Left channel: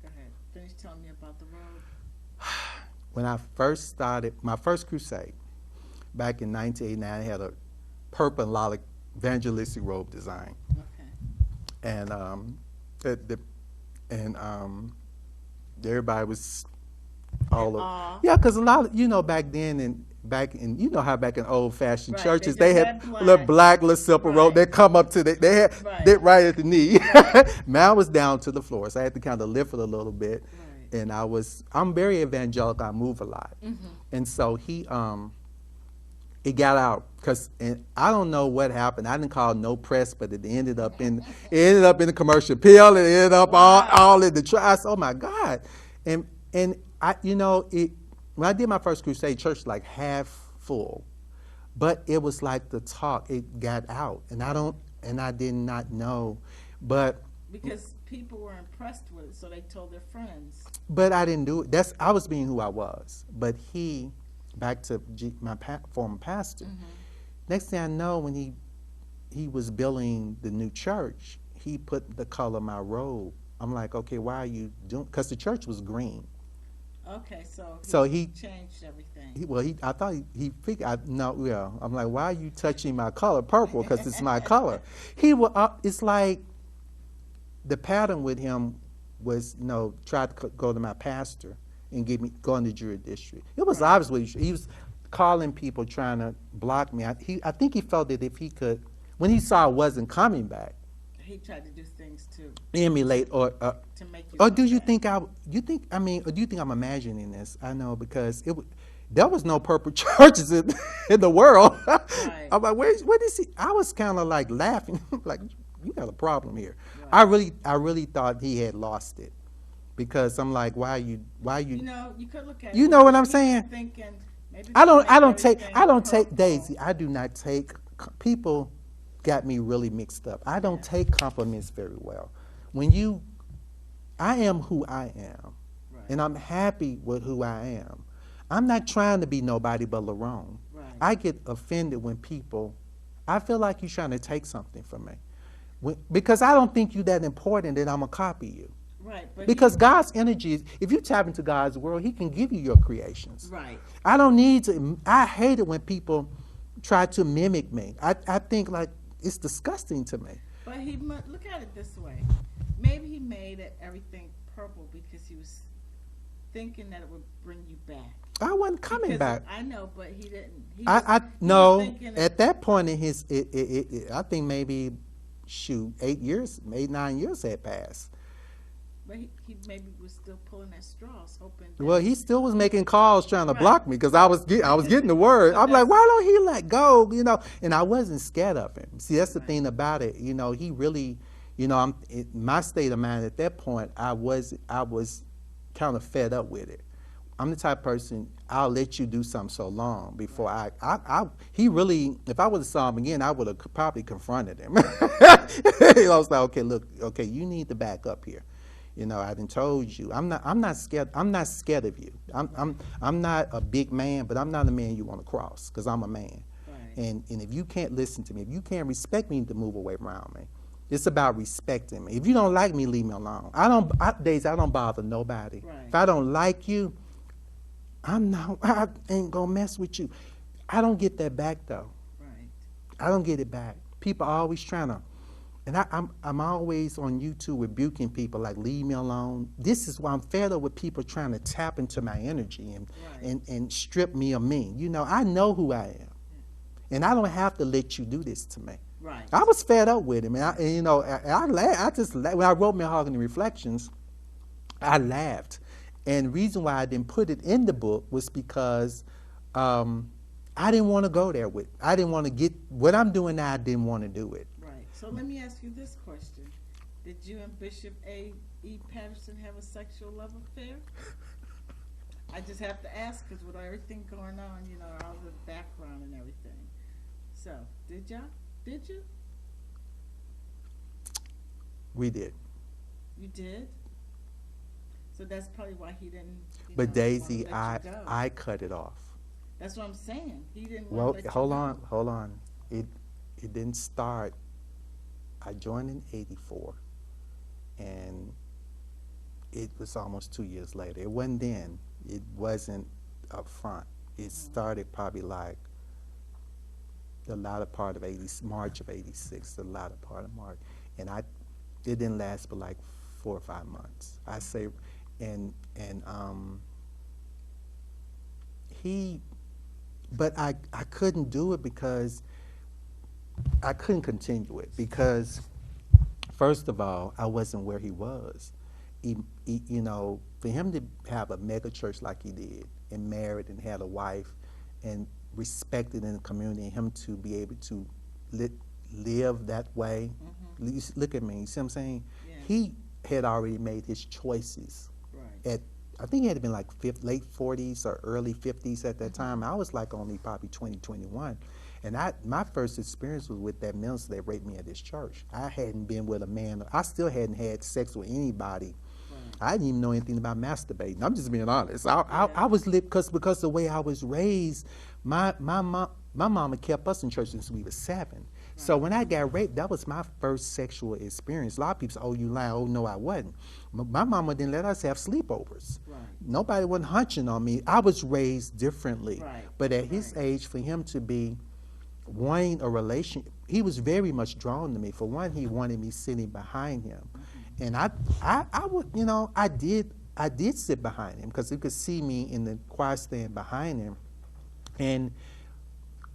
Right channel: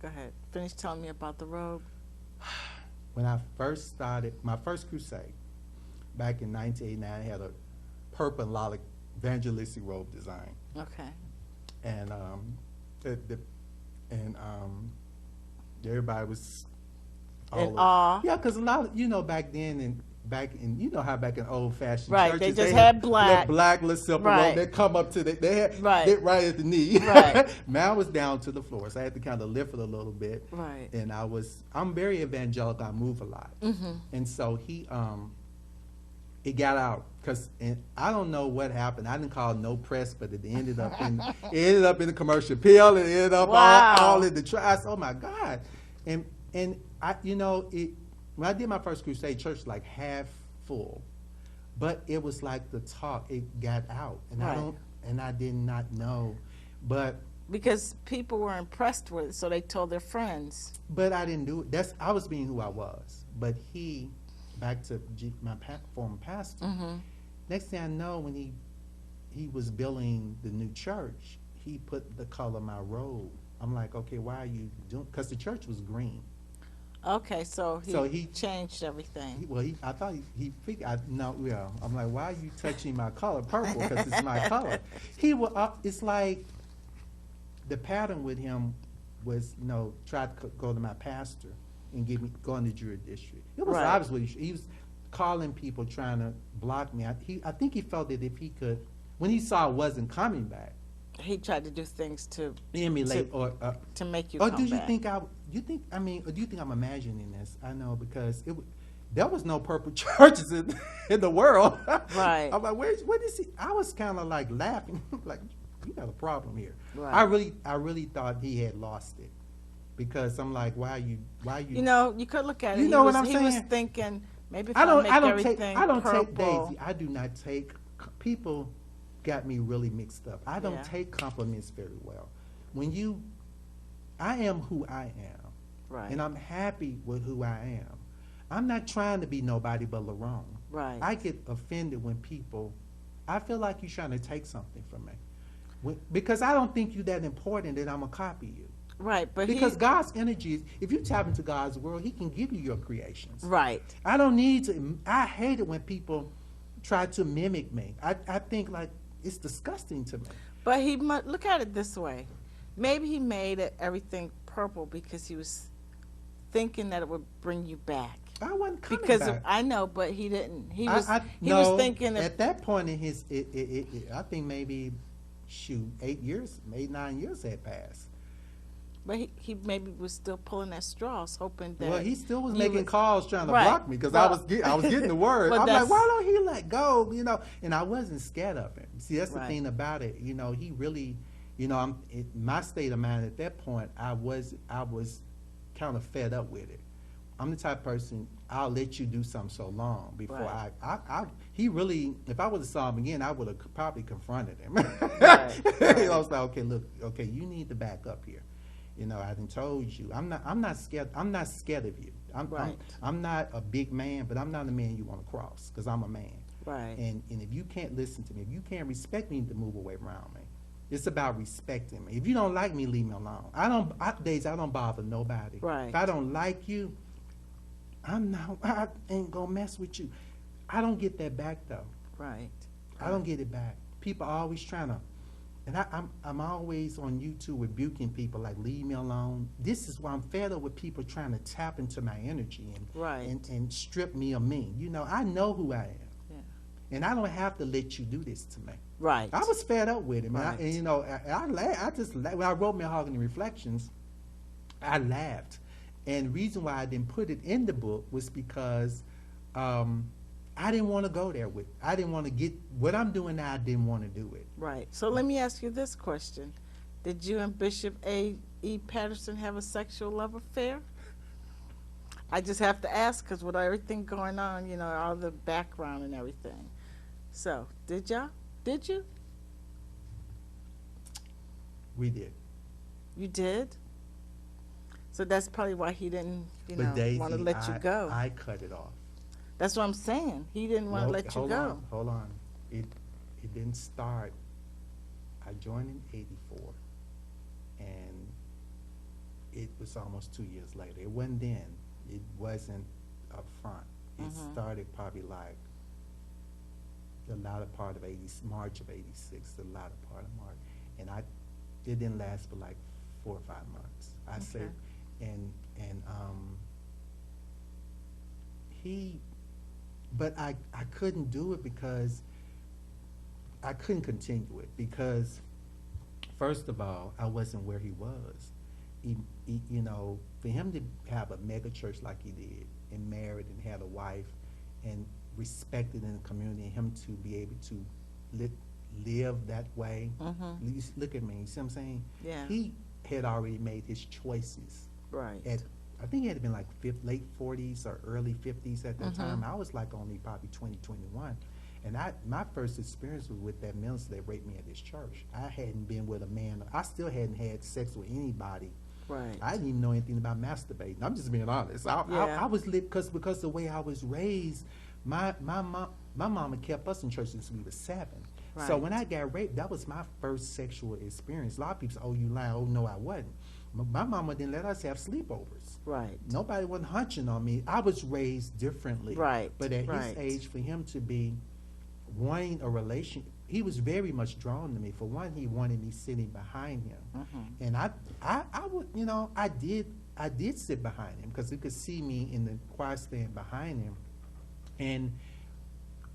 go ahead. Finish telling me about the robe. When I first started my first crusade back in 1989, I had a purple and lilac evangelistic robe design, Okay. and and everybody was all In over. awe. Yeah, because a lot of, back then and back in, how back in old fashioned Right, churches they just had had black. little simple robe. Right. They come up to they had Right. that right at the knee. Right. Mine was down to the floor, so I had to kind of lift it a little bit. Right. And I'm very evangelical. I move a lot, and so it got out because I don't know what happened. I didn't call no press, but it ended up in the commercial appeal. It ended up all in the trials. Oh my God! And I when I did my first crusade, church was like half full, but it was like the talk. It got out, and I did not know, but. Because people were impressed with it, so they told their friends. But I didn't do it. I was being who I was. But back to my former pastor. Next thing I know, when he was building the new church, he put the color of my robe. I'm like, okay, why are you doing? Because the church was green. Okay, so he changed everything. I thought he figured. I'm like, why are you touching my color, purple? Because it's my color. It's like. The pattern with him was, try to go to my pastor and go in the jury district. It was obviously, he was calling people trying to block me. I think he felt that if he could, when he saw I wasn't coming back, he tried to do things to emulate to make you. Or come do you back. think or do you think I'm imagining this? I know because there was no purple churches in the world. Right. I'm like, what is he? I was kind of like laughing, like, you got a problem here. Right. I really thought he had lost it, because I'm like, why you? You could look at it. You know what I'm He saying? was thinking maybe. If I don't take Daisy. I do not take people. Got me really mixed up. I don't take compliments very well. I am who I am, right. And I'm happy with who I am. I'm not trying to be nobody but Lerone. Right. I get offended when people. I feel like you're trying to take something from me. Because I don't think you're that important that I'm going to copy you. Right, but because God's energy is, if you tap into God's world, He can give you your creations. Right. I don't need to, I hate it when people try to mimic me. I think like it's disgusting to me. But look at it this way. Maybe he made everything purple because he was thinking that it would bring you back. I wasn't coming back. I know, but he didn't. He was thinking at that point in his, I think maybe, 8 years, 9 years had passed. But he maybe was still pulling at straws, hoping that. Well, he still was making calls trying to block me because I was getting the word. I'm like, why don't he let go? And I wasn't scared of him. See, that's the thing about it. He really, my state of mind at that point, I was kind of fed up with it. I'm the type of person, I'll let you do something so long before he really, if I would have saw him again, I would have probably confronted him. I was like, okay, you need to back up here. I done told you, I'm not scared. I'm not scared of you. I'm not a big man, but I'm not a man you want to cross, because I'm a man. Right. And if you can't listen to me, if you can't respect me, you need to move away around me. It's about respecting me. If you don't like me, leave me alone. I don't bother nobody. Right. If I don't like you, I ain't gonna mess with you. I don't get that back though. Right. I don't get it back. People are always trying to, and I'm always on YouTube rebuking people like, leave me alone. This is why I'm fed up with people trying to tap into my energy and strip me of me. I know who I am, and I don't have to let you do this to me. Right. I was fed up with him, and I laughed. When I wrote Malehogany Reflections, I laughed. And the reason why I didn't put it in the book was because I didn't want to go there with. I didn't want to get what I'm doing now. I didn't want to do it. Right. So let me ask you this question: did you and Bishop A.E. Patterson have a sexual love affair? I just have to ask because with everything going on, all the background and everything. So did y'all? Did you? We did. You did? So that's probably why he didn't, but Daisy, want to let you go. I cut it off. That's what I'm saying. He didn't want to let you go. Hold on. It didn't start. I joined in '84, and it was almost 2 years later. It wasn't then. It wasn't up front. It started probably like the latter part of March of '86, the latter part of March, and it didn't last but like 4 or 5 months. I say, and but I couldn't do it because I couldn't continue it because, first of all, I wasn't where he was. You know, for him to have a mega church like he did and married and had a wife and respected in the community, and him to be able to live that way. Look at me, you see what I'm saying? Yeah. He had already made his choices. Right. I think he had been like late 40s or early 50s at that time. I was like only probably 20, 21. And my first experience was with that minister that raped me at this church. I hadn't been with a man. I still hadn't had sex with anybody. Right. I didn't even know anything about masturbating. I'm just being honest. I was lit because the way I was raised, my mama kept us in church since we were 7. Right. So when I got raped, that was my first sexual experience. A lot of people say, "Oh, you lying." Oh, no, I wasn't. My mama didn't let us have sleepovers. Right. Nobody wasn't hunching on me. I was raised differently. Right. But at his age, for him to be wanting a relation, he was very much drawn to me. For one, he wanted me sitting behind him, and I would, you know, I did sit behind him because he could see me in the choir stand behind him, and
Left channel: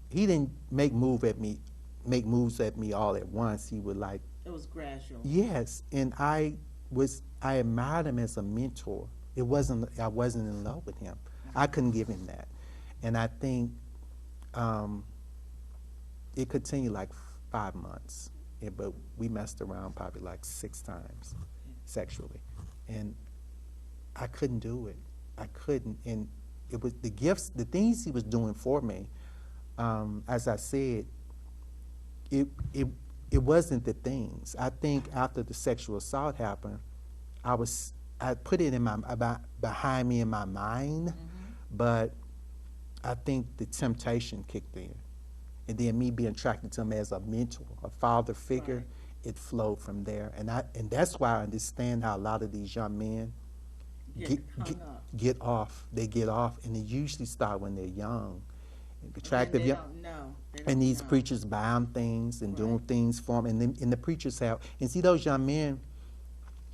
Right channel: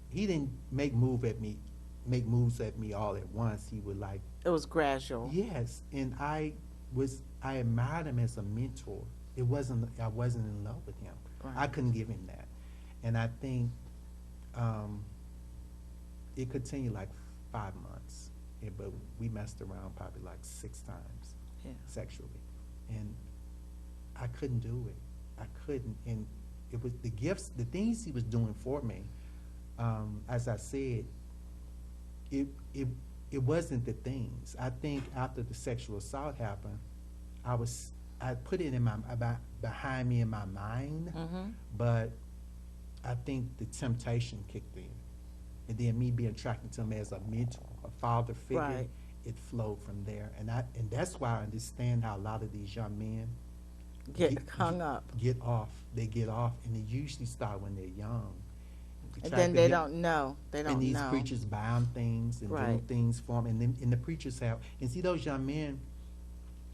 he didn't make moves at me all at once. He would like. It was gradual. Yes, and I admired him as a mentor. I wasn't in love with him. Right. I couldn't give him that, and I think it continued like 5 months, but we messed around probably like 6 times sexually, and I couldn't do it. I couldn't, and it was the gifts, the things he was doing for me. As I said, it wasn't the things. I think after the sexual assault happened, I put it in behind me in my mind, but I think the temptation kicked in. And then me being attracted to him as a mentor, a father figure, it flowed from there. And that's why I understand how a lot of these young men get hung up. Get off. They get off, and they usually start when they're young. And then they don't know. And these preachers buy them things and do things for them. And the preachers have, and see those young men,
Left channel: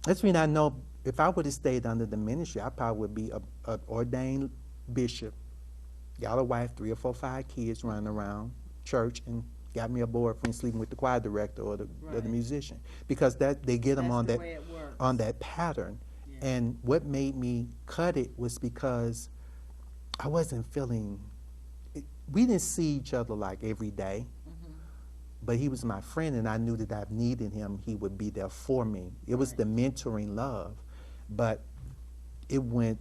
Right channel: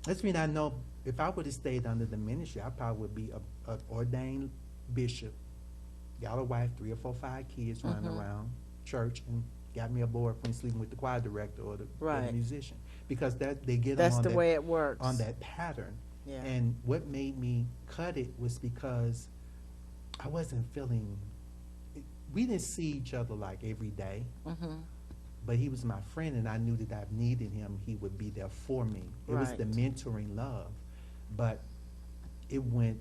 that's when I know if I would have stayed under the ministry, I probably would be an ordained bishop, got a wife, 3 or 4, 5 kids running around church, and got me a boyfriend sleeping with the choir director or the musician, because they get them on the way it works. On that pattern. Yeah. And what made me cut it was because I wasn't feeling. We didn't see each other like every day, but he was my friend, and I knew that I needed him. He would be there for me. It was the mentoring love, but it went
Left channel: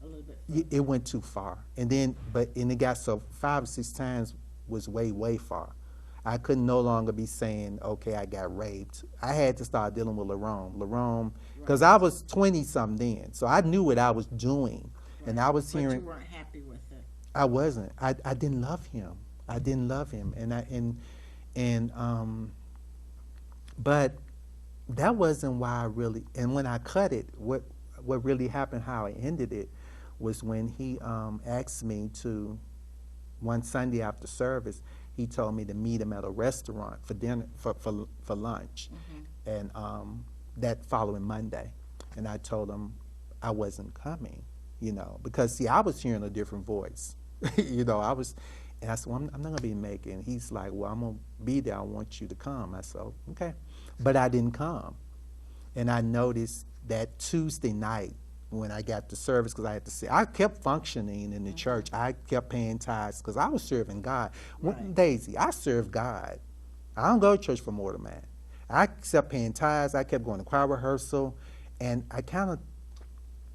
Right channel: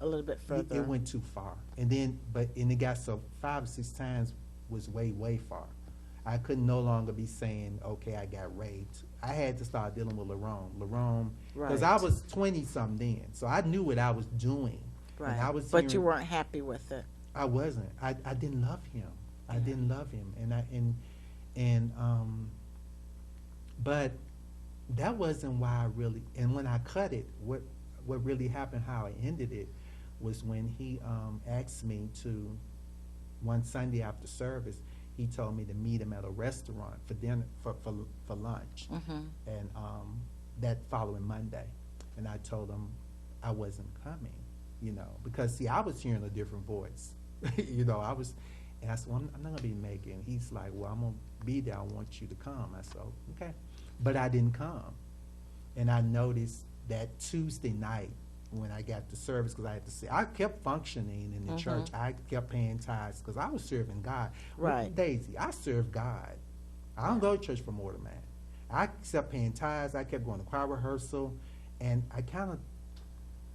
a little bit further. It went too far, and it got so 5 or 6 times was way far. I could no longer be saying, okay, I got raped. I had to start dealing with Lerone, because I was 20-something then, so I knew what I was doing, and I was hearing. But you weren't happy with it. I wasn't. I didn't love him. I didn't love him, but that wasn't why I really. And when I cut it, what really happened, how I ended it, was when he asked me to. One Sunday after service, he told me to meet him at a restaurant for dinner for lunch, and that following Monday, and I told him I wasn't coming, because see, I was hearing a different voice, and I said, well, I'm not gonna be making. He's like, well, I'm gonna be there. I want you to come. I said, oh, okay, but I didn't come, and I noticed that Tuesday night, when I got to service, because I had to say, I kept functioning in the church. I kept paying tithes because I was serving God. Right. Daisy, I serve God. I don't go to church for more than that. I kept paying tithes. I kept going to choir rehearsal, and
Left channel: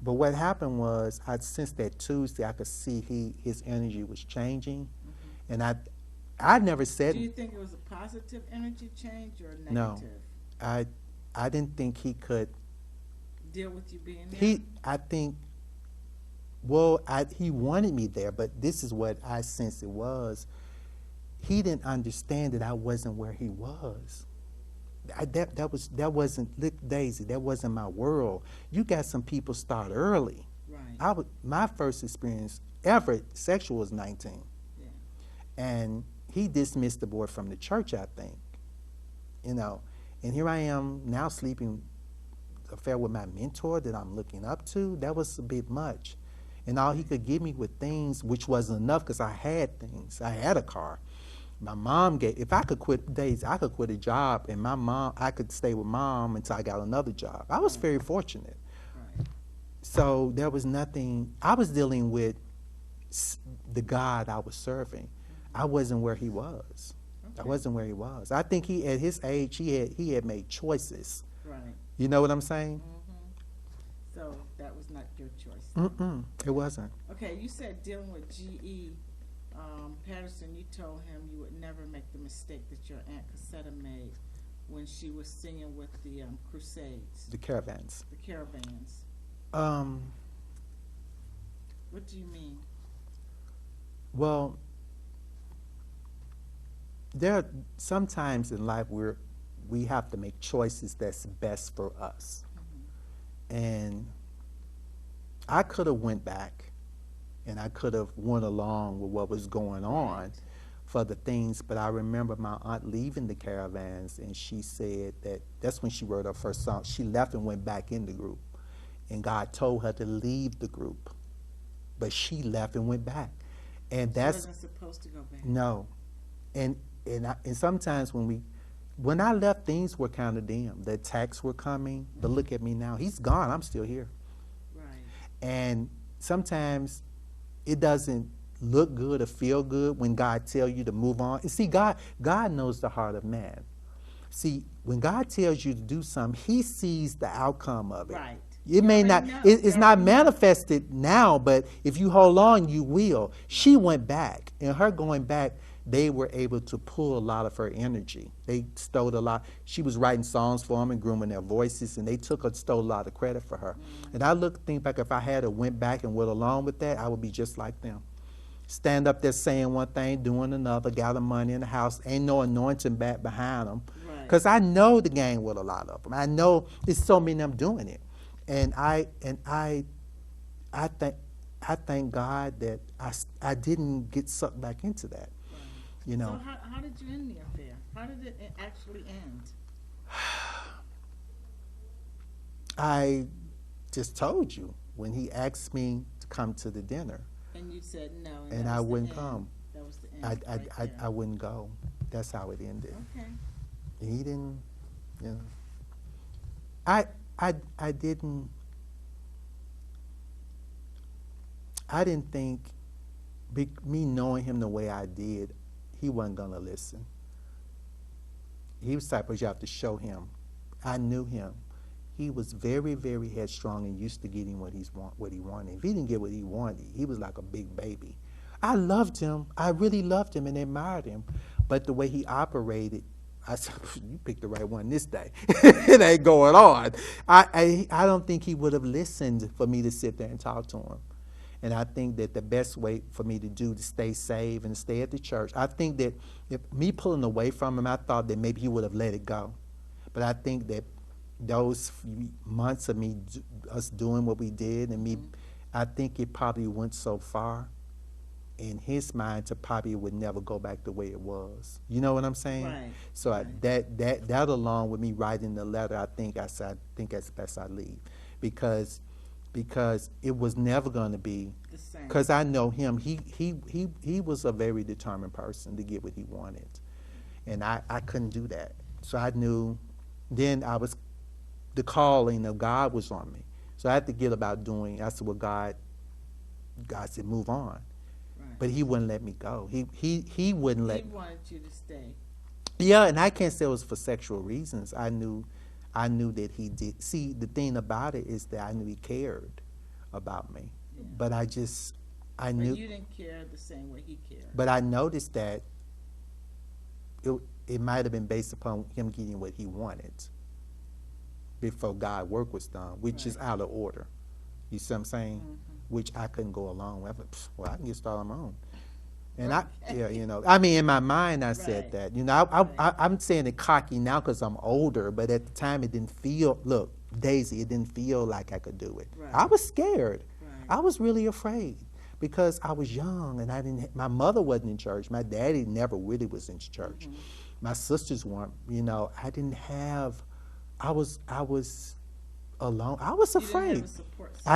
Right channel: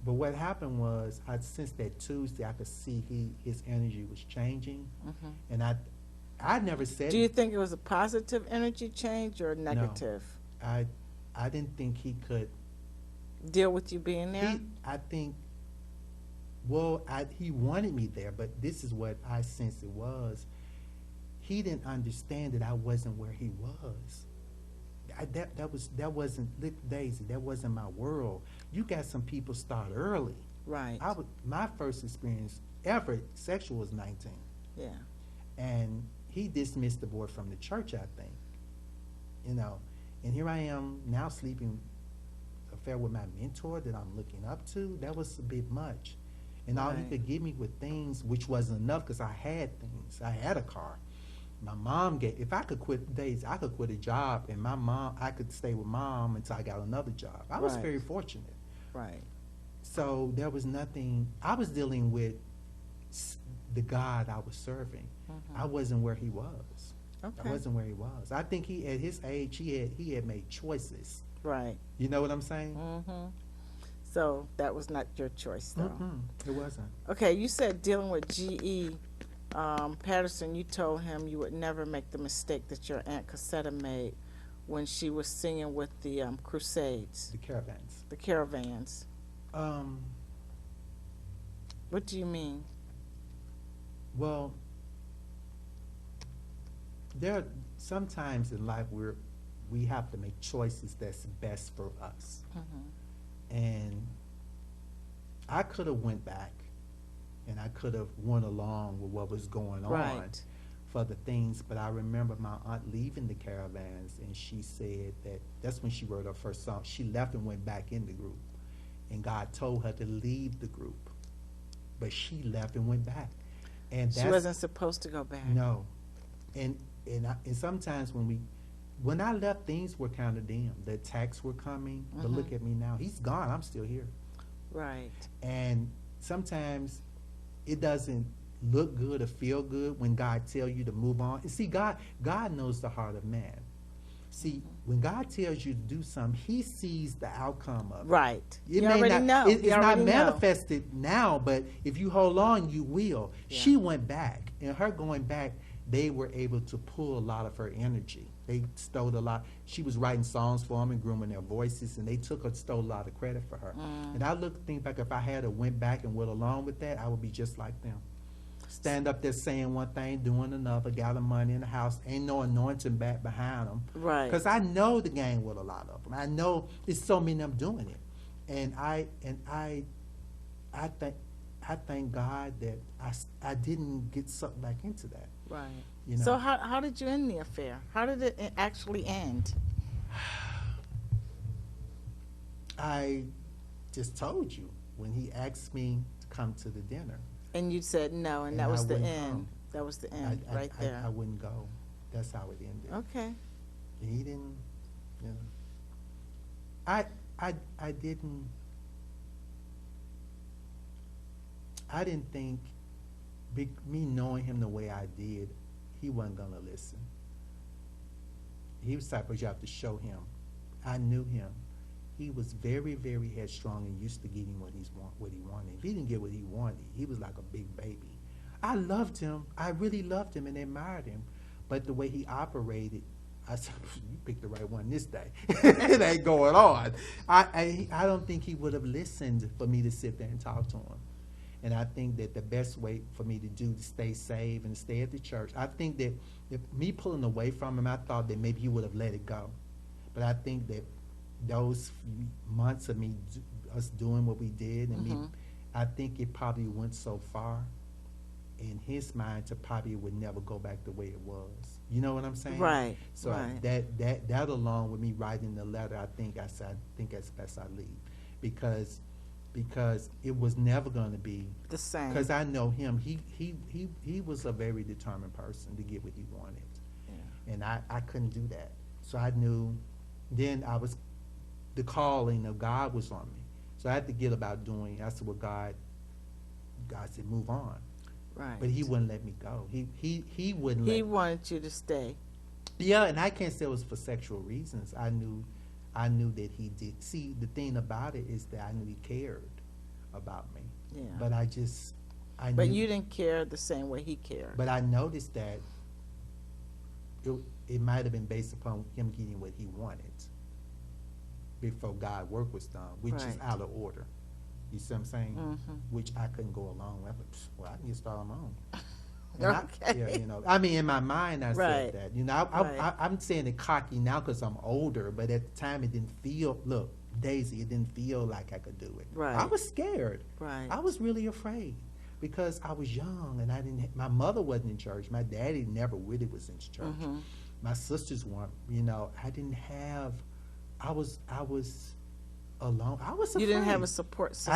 but what happened was, I sensed that Tuesday I could see his energy was changing, and I never said. Do you think it was a positive energy change or negative? No, I didn't think he could deal with you being there? He wanted me there, but this is what I sensed it was. He didn't understand that I wasn't where he was. that wasn't, look, Daisy, that wasn't my world. You got some people start early. Right. My first experience ever sexual was 19. Yeah. And he dismissed the boy from the church, I think. You know, and here I am now sleeping affair with my mentor that I'm looking up to. That was a bit much. And all he could give me were things, which wasn't enough because I had things. I had a car. My mom if I could quit days, I could quit a job, and I could stay with mom until I got another job. I was very fortunate. Right. So there was nothing, I was dealing with the God I was serving. I wasn't where he was. Okay. I wasn't where he was. I think at his age, he had made choices. Right. You know what I'm saying? So that was not your choice, though. It wasn't. Okay, you said dealing with G.E. Patterson, you told him you would never make the mistake that your Aunt Cassetta made when she was singing with the Crusades. The caravans. The caravans. What do you mean? Well, there are sometimes in life where we have to make choices that's best for us. And I could have went back and I could have went along with what was going on for the things, but I remember my aunt leaving the caravans, and she said that's when she wrote her first song. She left and went back in the group, and God told her to leave the group, but she left and went back. And she wasn't supposed to go back. No. And sometimes when I left, things were kind of dim. The attacks were coming, but look at me now. He's gone. I'm still here. Right. And sometimes it doesn't look good or feel good when God tells you to move on. And see, God knows the heart of man. See, when God tells you to do something, he sees the outcome of it. Right. It may not, it's not manifested now, but if you hold on, you will. Yeah. She went back, and her going back, they were able to pull a lot of her energy. They stole a lot. She was writing songs for them and grooming their voices, and they stole a lot of credit for her. And I think back, if I had went back and went along with that, I would be just like them. Stand up there saying one thing, doing another, gather money in the house, ain't no anointing back behind them. Right. Because I know the game with a lot of them. I know it's so many of them doing it. And I thank God that I didn't get sucked back into that. Right. You know? So how did you end the affair? How did it actually end? I just told you when he asked me to come to the dinner. And you said no, and that was the end. Come. That was the end right there. I wouldn't go. That's how it ended. Okay. And he didn't, you know. I didn't think, me knowing him the way I did, he wasn't going to listen. He was the type of you have to show him. I knew him. He was very, very headstrong and used to getting what he wanted. If he didn't get what he wanted, he was like a big baby. I loved him. I really loved him and admired him. But the way he operated, I said, you picked the right one this day. It ain't going on. I don't think he would have listened for me to sit there and talk to him. And I think that the best way for me to do to stay safe and stay at the church, I think that if me pulling away from him, I thought that maybe he would have let it go. But I think that those few months of us doing what we did, and I think it probably went so far in his mind to probably would never go back the way it was. You know what I'm saying? Right. So right. That along with me writing the letter, I think it's best I leave, because it was never going to be the same. Because I know him. He was a very determined person to get what he wanted, and I couldn't do that. So I knew. Then the calling of God was on me. So I had to get about doing. That's what God said, move on. Right. But he wouldn't let me go. He wouldn't let me. He wanted you to stay. Yeah, and I can't say it was for sexual reasons. I knew that he did. See, the thing about it is that I knew he cared about me. Yeah. But I knew. But you didn't care the same way he cared. But I noticed that it might have been based upon him getting what he wanted before God's work was done, which is out of order. You see what I'm saying? Which I couldn't go along with. Well, I can get started on my own. And Okay. I mean, in my mind, I Right. said that. Right. I'm saying it cocky now because I'm older, but at the time it didn't feel, look, Daisy, it didn't feel like I could do it. Right. I was scared. Right. I was really afraid because I was young and my mother wasn't in church. My daddy never really was in church. Mm-hmm. My sisters weren't, I didn't have, I was alone. I was afraid. You didn't have a support system.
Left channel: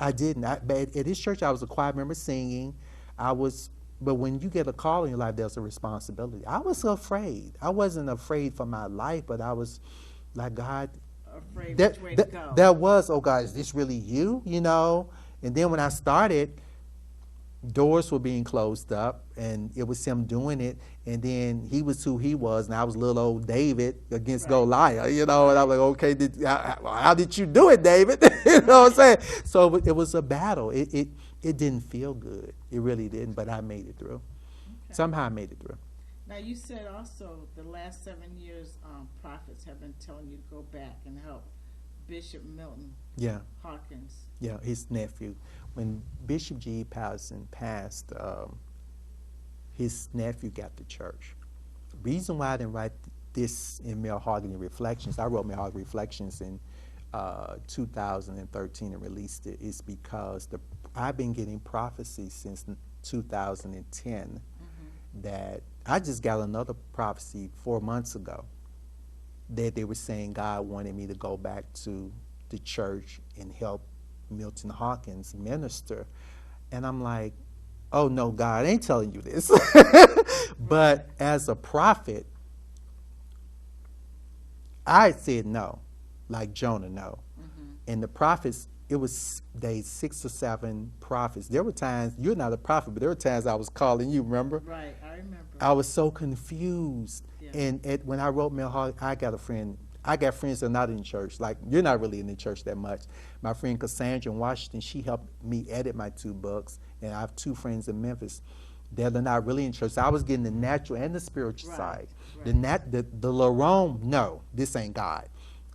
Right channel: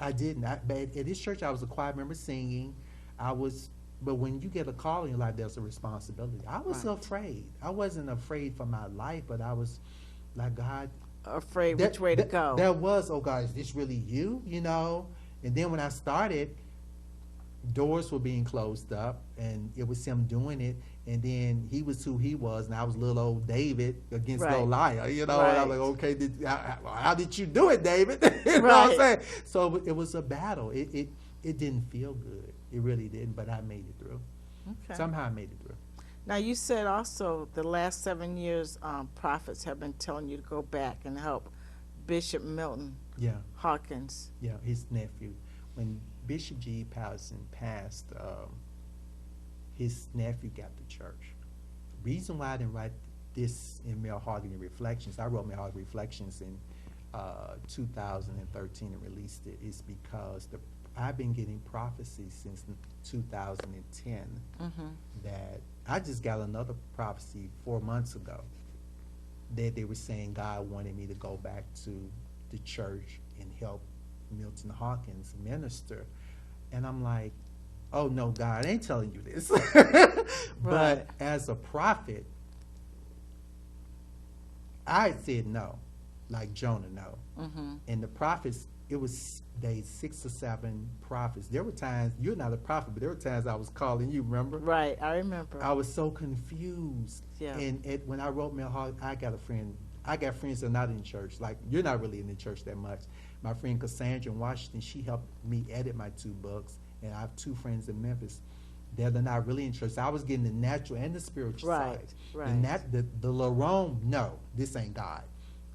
I didn't. But at this church, I was a choir member singing. But when you get a call in your life, there's a responsibility. I was afraid. I wasn't afraid for my life, but I was like, God. Afraid which way to go. That was, oh God, is this really you? And then when I started, doors were being closed up, and it was him doing it. And then he was who he was, and I was little old David against Right. Goliath, Right. And I was like, okay, how did you do it, David? You know what I'm saying? So it was a battle. It didn't feel good. It really didn't, but I made it through. Okay. Somehow I made it through. Now, you said also the last 7 years, prophets have been telling you to go back and help Bishop Milton Yeah, Hawkins. yeah, his nephew. When Bishop G. Patterson passed, his nephew got the church. Reason why I didn't write this in Malehogany Reflections, I wrote Malehogany Reflections in 2013 and released it, is because I've been getting prophecies since 2010 that I just got another prophecy 4 months ago that they were saying God wanted me to go back to the church and help Milton Hawkins minister. And I'm like, oh no, God ain't telling you this. But as a prophet, I said no, like Jonah, no. And the prophets, it was 6 or 7 prophets. There were times, you're not a prophet, but there were times I was calling you, remember? Right, I remember. I was so confused. Yeah. And when I wrote Malehogany, I got friends that are not in church. Like, you're not really in the church that much. My friend Cassandra in Washington, she helped me edit my 2 books. And I have 2 friends in Memphis that are not really in church. So I was getting the natural and the spiritual side. Right. The Lerone, no, this ain't God.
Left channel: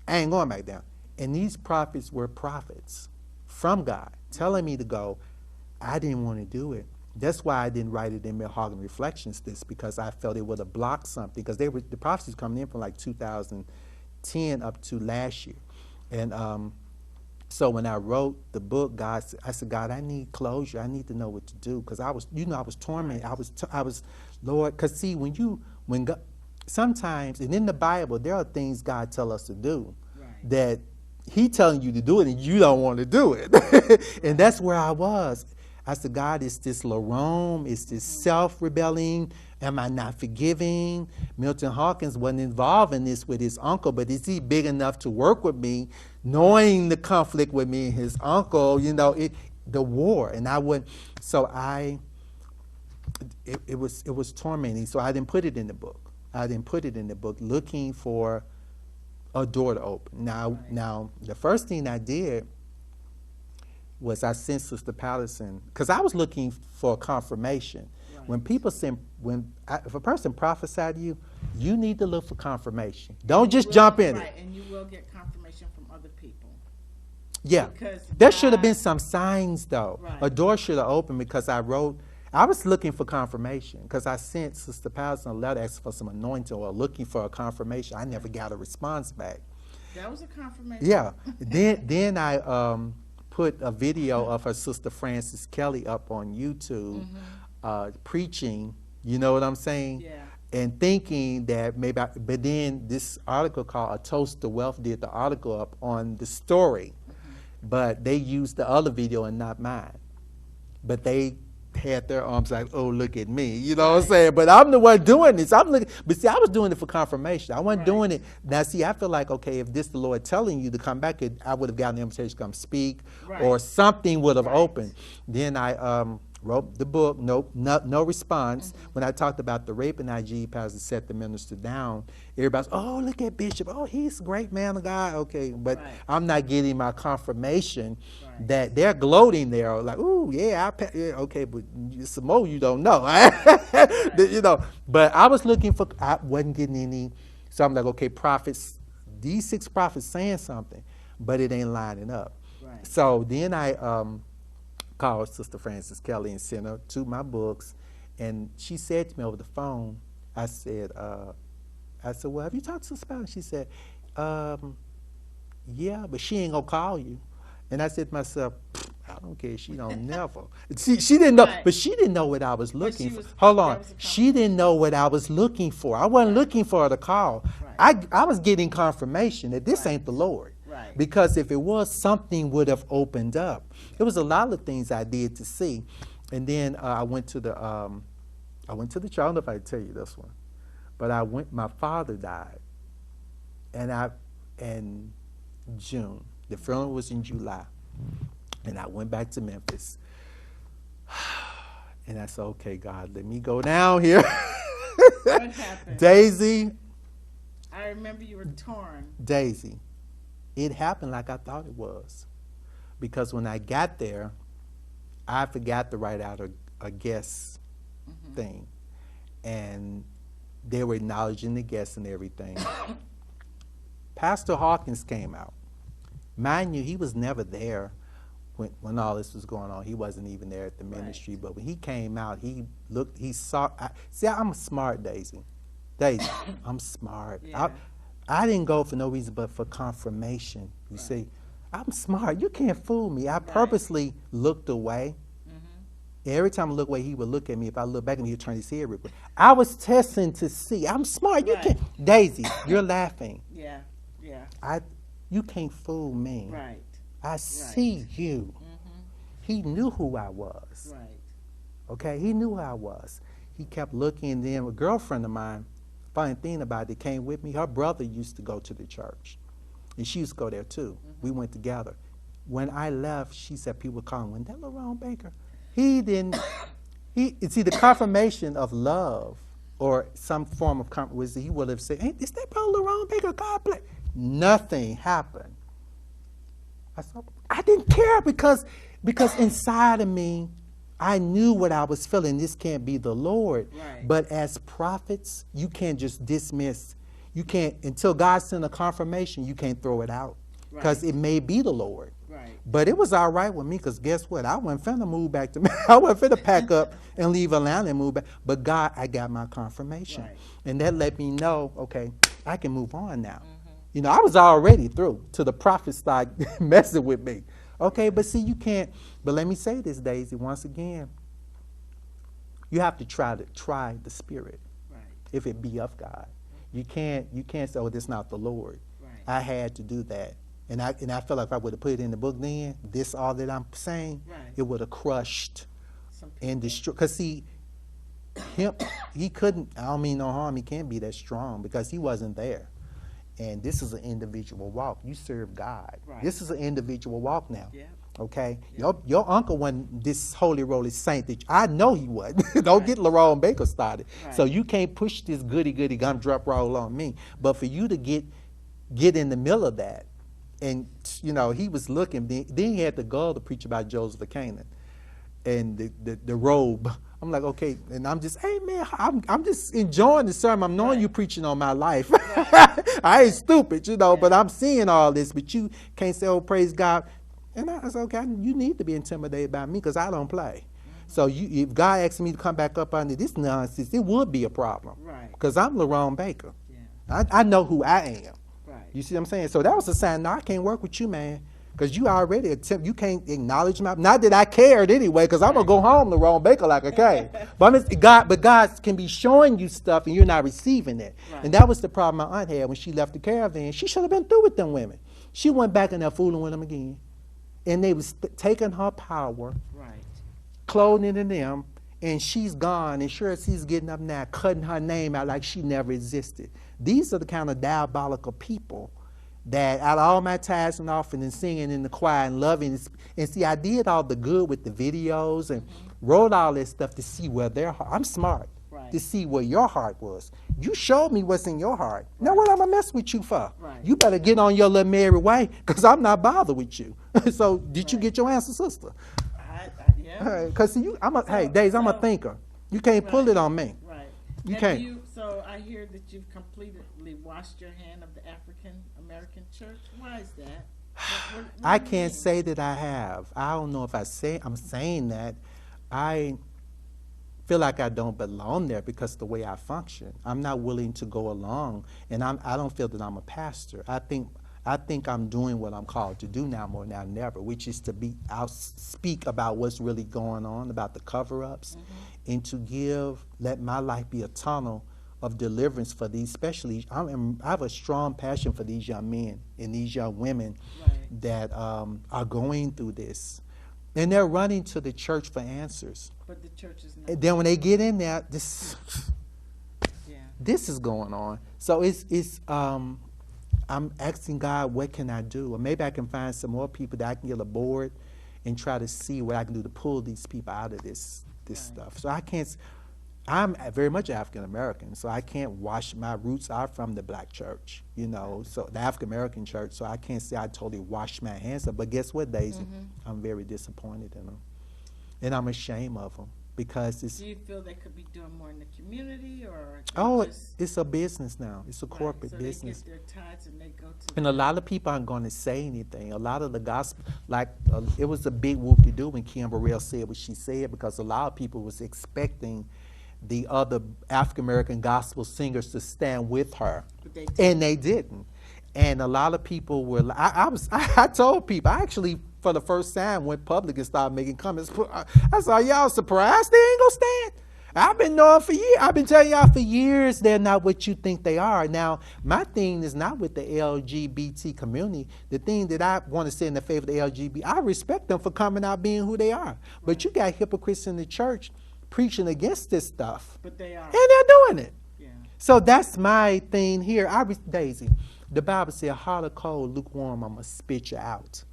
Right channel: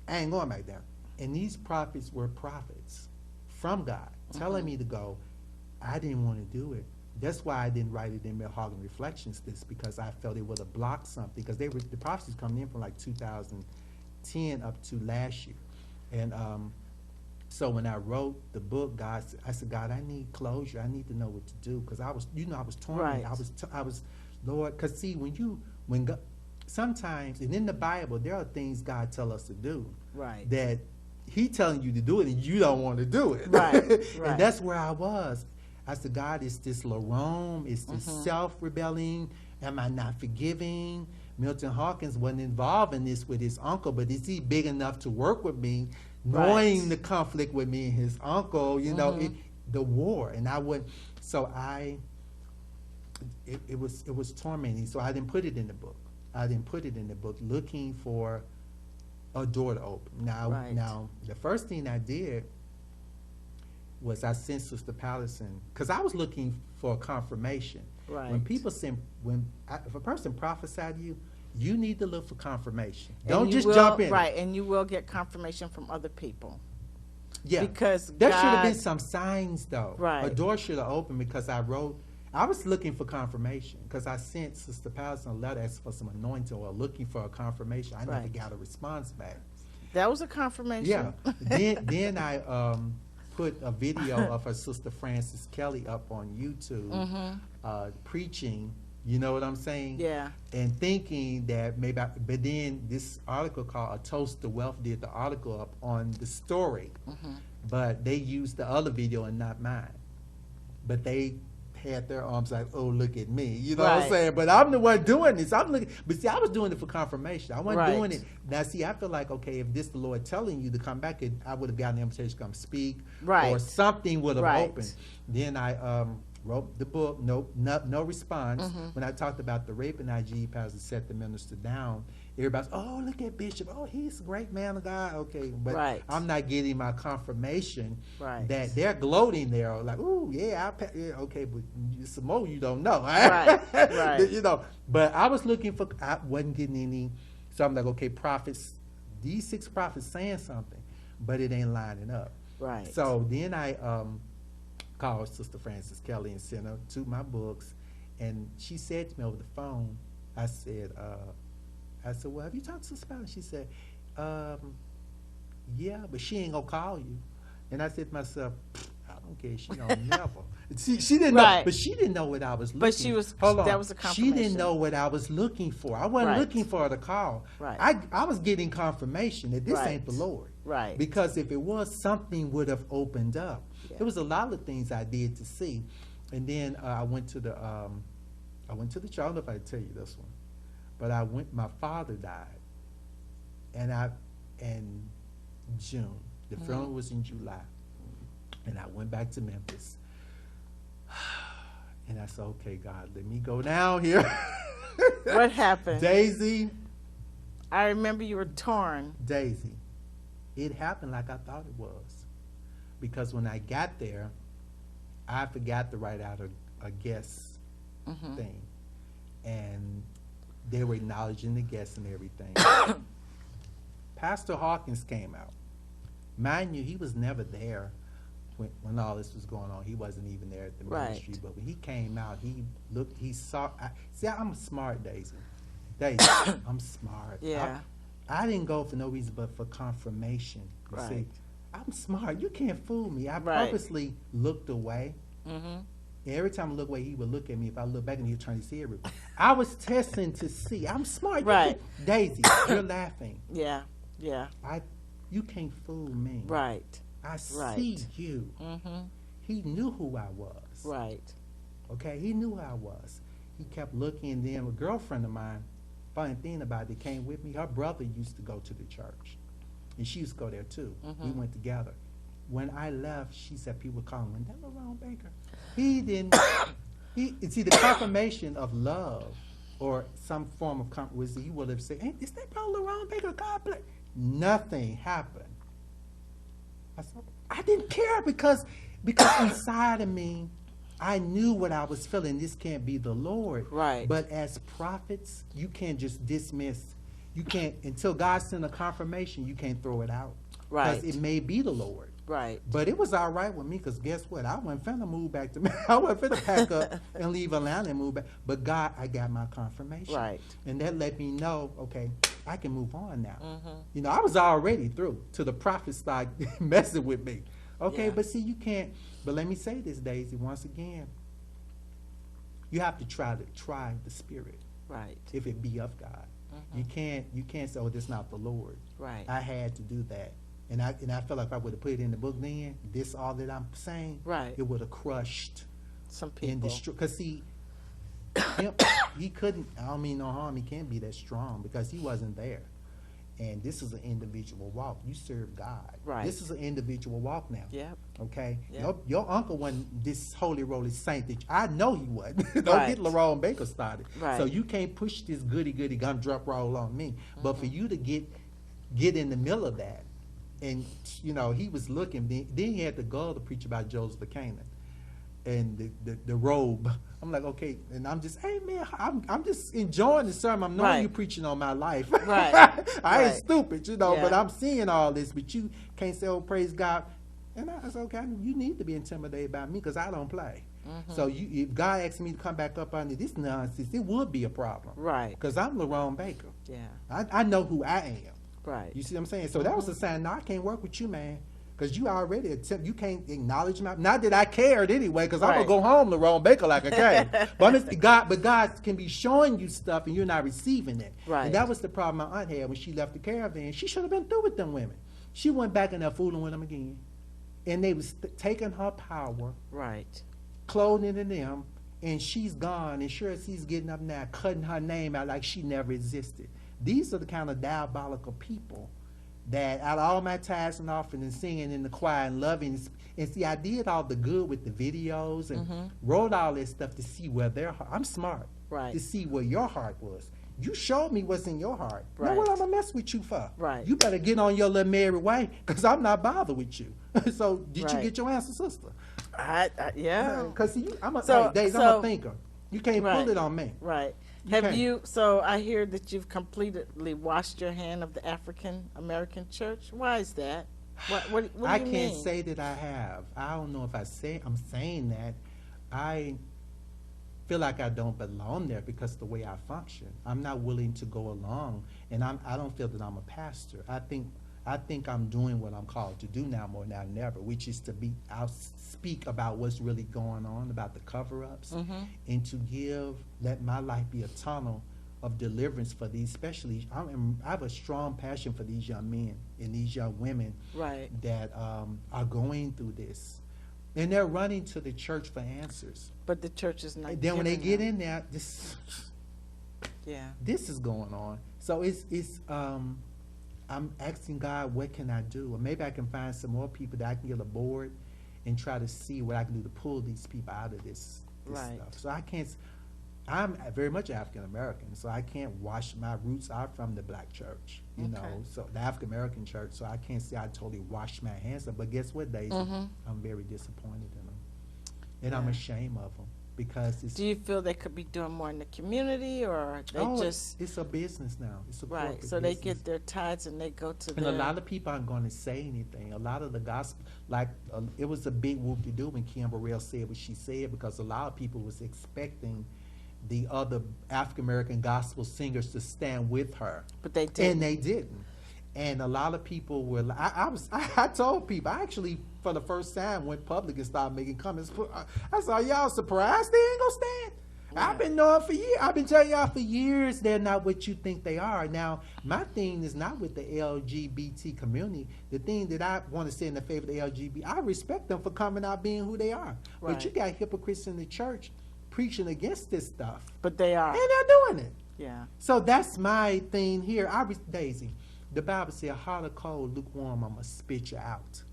I ain't going back down. And these prophets were prophets from God, telling me to go. I didn't want to do it. That's why I didn't write it in Malehogany Reflections, because I felt it would have blocked something, because the prophecies coming in from like 2010 up to last year. And so when I wrote the book, I said, God, I need closure. I need to know what to do, because I was tormented. Right. I was, Lord, because see, when God, sometimes, and in the Bible, there are things God tell us to do that He telling you to do it, and you don't want to do it. Right. And that's where I was. I said, God, is this Lerone? Is this self-rebelling? Am I not forgiving? Milton Hawkins wasn't involved in this with his uncle, but is he big enough to work with me, knowing the conflict with me and his uncle, the war, and I wouldn't. So it was tormenting. So I didn't put it in the book. Looking for a door to open. Now the first thing I did was I sent Sister Patterson, because I was looking for confirmation. Right. When people send, if a person prophesied to you, you need to look for confirmation. Don't just jump in. Right, and you will get confirmation from other people. Yeah, because there should have been some signs, though. Right. A door should have opened, because I was looking for confirmation, because I sent Sister Patterson a letter asking for some anointing or looking for a confirmation. I never got a response back. That was a confirmation. Yeah. then I put a video of her sister Frances Kelly up on YouTube preaching. You know what I'm saying? Yeah. And thinking that maybe, but then this article called A Toast to Wealth did the article up on the story, but they used the other video and not mine. But they had their arms like, oh, look at me. You know what I'm saying? But I'm the one doing this. But see, I was doing it for confirmation. I wasn't doing it. Now, see, I feel like, okay, if this the Lord telling you to come back, I would have gotten the invitation to come speak, or something would have opened. Then I wrote the book, no response. When I talked about the rape and IG, Pastor set the minister down, everybody's, oh, look at Bishop. Oh, he's a great man of God. Okay, but I'm not getting my confirmation that they're gloating there. Like, ooh, yeah, okay, but some more you don't know. You know, but I was looking for, I wasn't getting any, so I'm like, okay, prophets, these 6 prophets saying something, but it ain't lining up. Right. So then I called Sister Frances Kelly and sent her 2 my books, And she said to me over the phone, I said, well, have you talked to Spanish? She said, yeah, but she ain't gonna call you. And I said to myself, I don't care. She don't never. She didn't know, but she didn't know what I was looking for. But she was. Hold on. That was a She didn't know what I was looking for. I wasn't looking for her to call. Right. I was getting confirmation that this ain't the Lord. Right. Because if it was, something would have opened up. Yeah. There was a lot of things I did to see, and then I went to the church. I don't know if I tell you this one, but I went. My father died, and in June. The funeral was in July. And I went back to Memphis. And I said, okay, God, let me go down here. What happened? Daisy. I remember you were torn. Daisy. It happened like I thought it was. Because when I got there, I forgot to write out a guest thing. And they were acknowledging the guests and everything. Pastor Hawkins came out. Mind you, he was never there when all this was going on. He wasn't even there at the ministry. But when he came out, he looked, he saw. See, I'm smart, Daisy. Daisy, I'm smart. Yeah. I didn't go for no reason but for confirmation. You see, I'm smart. You can't fool me. I purposely looked away. Every time I look away, he would look at me. If I look back, and he'd turn his head. I was testing to see. I'm smart. Daisy, you're laughing. Yeah. You can't fool me. Right. I see you. He knew who I was. Right. Okay, he knew who I was. He kept looking, and then a girlfriend of mine, funny thing about it, came with me. Her brother used to go to the church, and she used to go there too. We went together. When I left, she said people were calling, "Was that Lerone Baker?" He didn't. It's either confirmation of love or some form of confirmation. He would have said, "Hey, is that Brother Lerone Baker? God bless." Nothing happened. I didn't care because inside of me, I knew what I was feeling. This can't be the Lord. Right. But as prophets, you can't just dismiss. You can't, until God sends a confirmation, you can't throw it out. Because it may be the Lord. Right. But it was all right with me because guess what? I wasn't finna move back to I wasn't finna pack up and leave Atlanta and move back. But God, I got my confirmation. Right. And that let me know, okay, I can move on now. You know, I was already through till the prophets start messing with me. Okay, but see, you can't, but let me say this, Daisy, once again. You have to try the spirit. Right. If it be of God. You can't say, oh, this is not the Lord. Right. I had to do that. And I felt like if I would have put it in the book then, this all that I'm saying, it would have crushed some people. And destroyed. Because see, he couldn't, I don't mean no harm, he can't be that strong because he wasn't there. And this is an individual walk. You serve God. Right. This is an individual walk now. Yep. Okay? Yep. Your uncle wasn't this holy roly saint that I know he wasn't. Don't get Lerone Baker started. Right. So you can't push this goody gumdrop roll on me. But for you to get in the middle of that, and you know, he was looking, then he had the gall to preach about Joseph of Canaan and the robe. I'm like, okay, and I'm just, hey man, I'm just enjoying the sermon. I'm knowing you preaching on my life. I ain't stupid, you know, but I'm seeing all this, but you can't say, oh, praise God. And I was okay, you need to be intimidated by me because I don't play. So if God asked me to come back up under this nonsense, it would be a problem. Right. Because I'm Lerone Baker. Yeah. I know who I am. Right. You see what I'm saying? So that was a sign, no, I can't work with you, man. Because you already you can't acknowledge my, not that I cared anyway, because I'm going to go home Lerone Baker like I can. But God can be showing you stuff and you're not receiving it. Right. And that was the problem my aunt had when she left the caravan. She should have been through with them women. She went back in there fooling with them again. And they was taking her power, clothing in them, and she's gone. And sure as he's getting up now, cutting her name out like she never existed. These are the kind of diabolical people that out of all my tithes and offering and singing in the choir and loving, and see, I did all the good with the videos and wrote all that stuff to see where their heart, I'm smart, to see where your heart was. You showed me what's in your heart. Now what I'm going to mess with you for? You better get on your little merry way because I'm not bothered with you. So did you get your answer, sister? Yeah. Because I'm a thinker. You can't pull it on me. Right. So I hear that you've completely washed your hand of the African American church. Why is that? What I can't say that I have. I don't know if I'm saying that. feel like I don't belong there because of the way I function. I'm not willing to go along, and I don't feel that I'm a pastor. I think I'm doing what I'm called to do now more now than ever, which is to speak about what's really going on, about the cover-ups, and to let my life be a tunnel of deliverance for these, especially, I have a strong passion for these young men and these young women that are going through this. And they're running to the church for answers. But the church is not. And then when they get in there, this is going on. So I'm asking God, what can I do? Or maybe I can find some more people that I can get aboard and try to see what I can do to pull these people out of this stuff. So I'm very much African American, so I can't wash my roots out from the black church, you know, so the African American church, so I can't say I totally washed my hands up. But guess what, Daisy? I'm very disappointed in them. And I'm ashamed of them because it's... Do you feel they could be doing more in the community, or it's a business now. It's a corporate business. So they get their tithes and they go to And a lot of people aren't going to say anything. A lot of the gospel, it was a big whoop-de-doo when Kim Burrell said what she said, because a lot of people was expecting the other African-American gospel singers to stand with her. But they didn't. And they didn't. And a lot of people were, I told people, I actually, for the first time, went public and started making comments. I saw y'all surprised they ain't gonna stand. I've been knowing for years. I've been telling y'all for years they're not what you think they are. Now, my thing is not with the LGBT community. The thing that I want to say in the favor of the LGBT, I respect them for coming out being who they are. But you got hypocrites in the church preaching against this stuff. But they are. And they're doing it. Yeah. So that's my thing here. Daisy, the Bible says, hot or cold, lukewarm, I'm going to spit you out.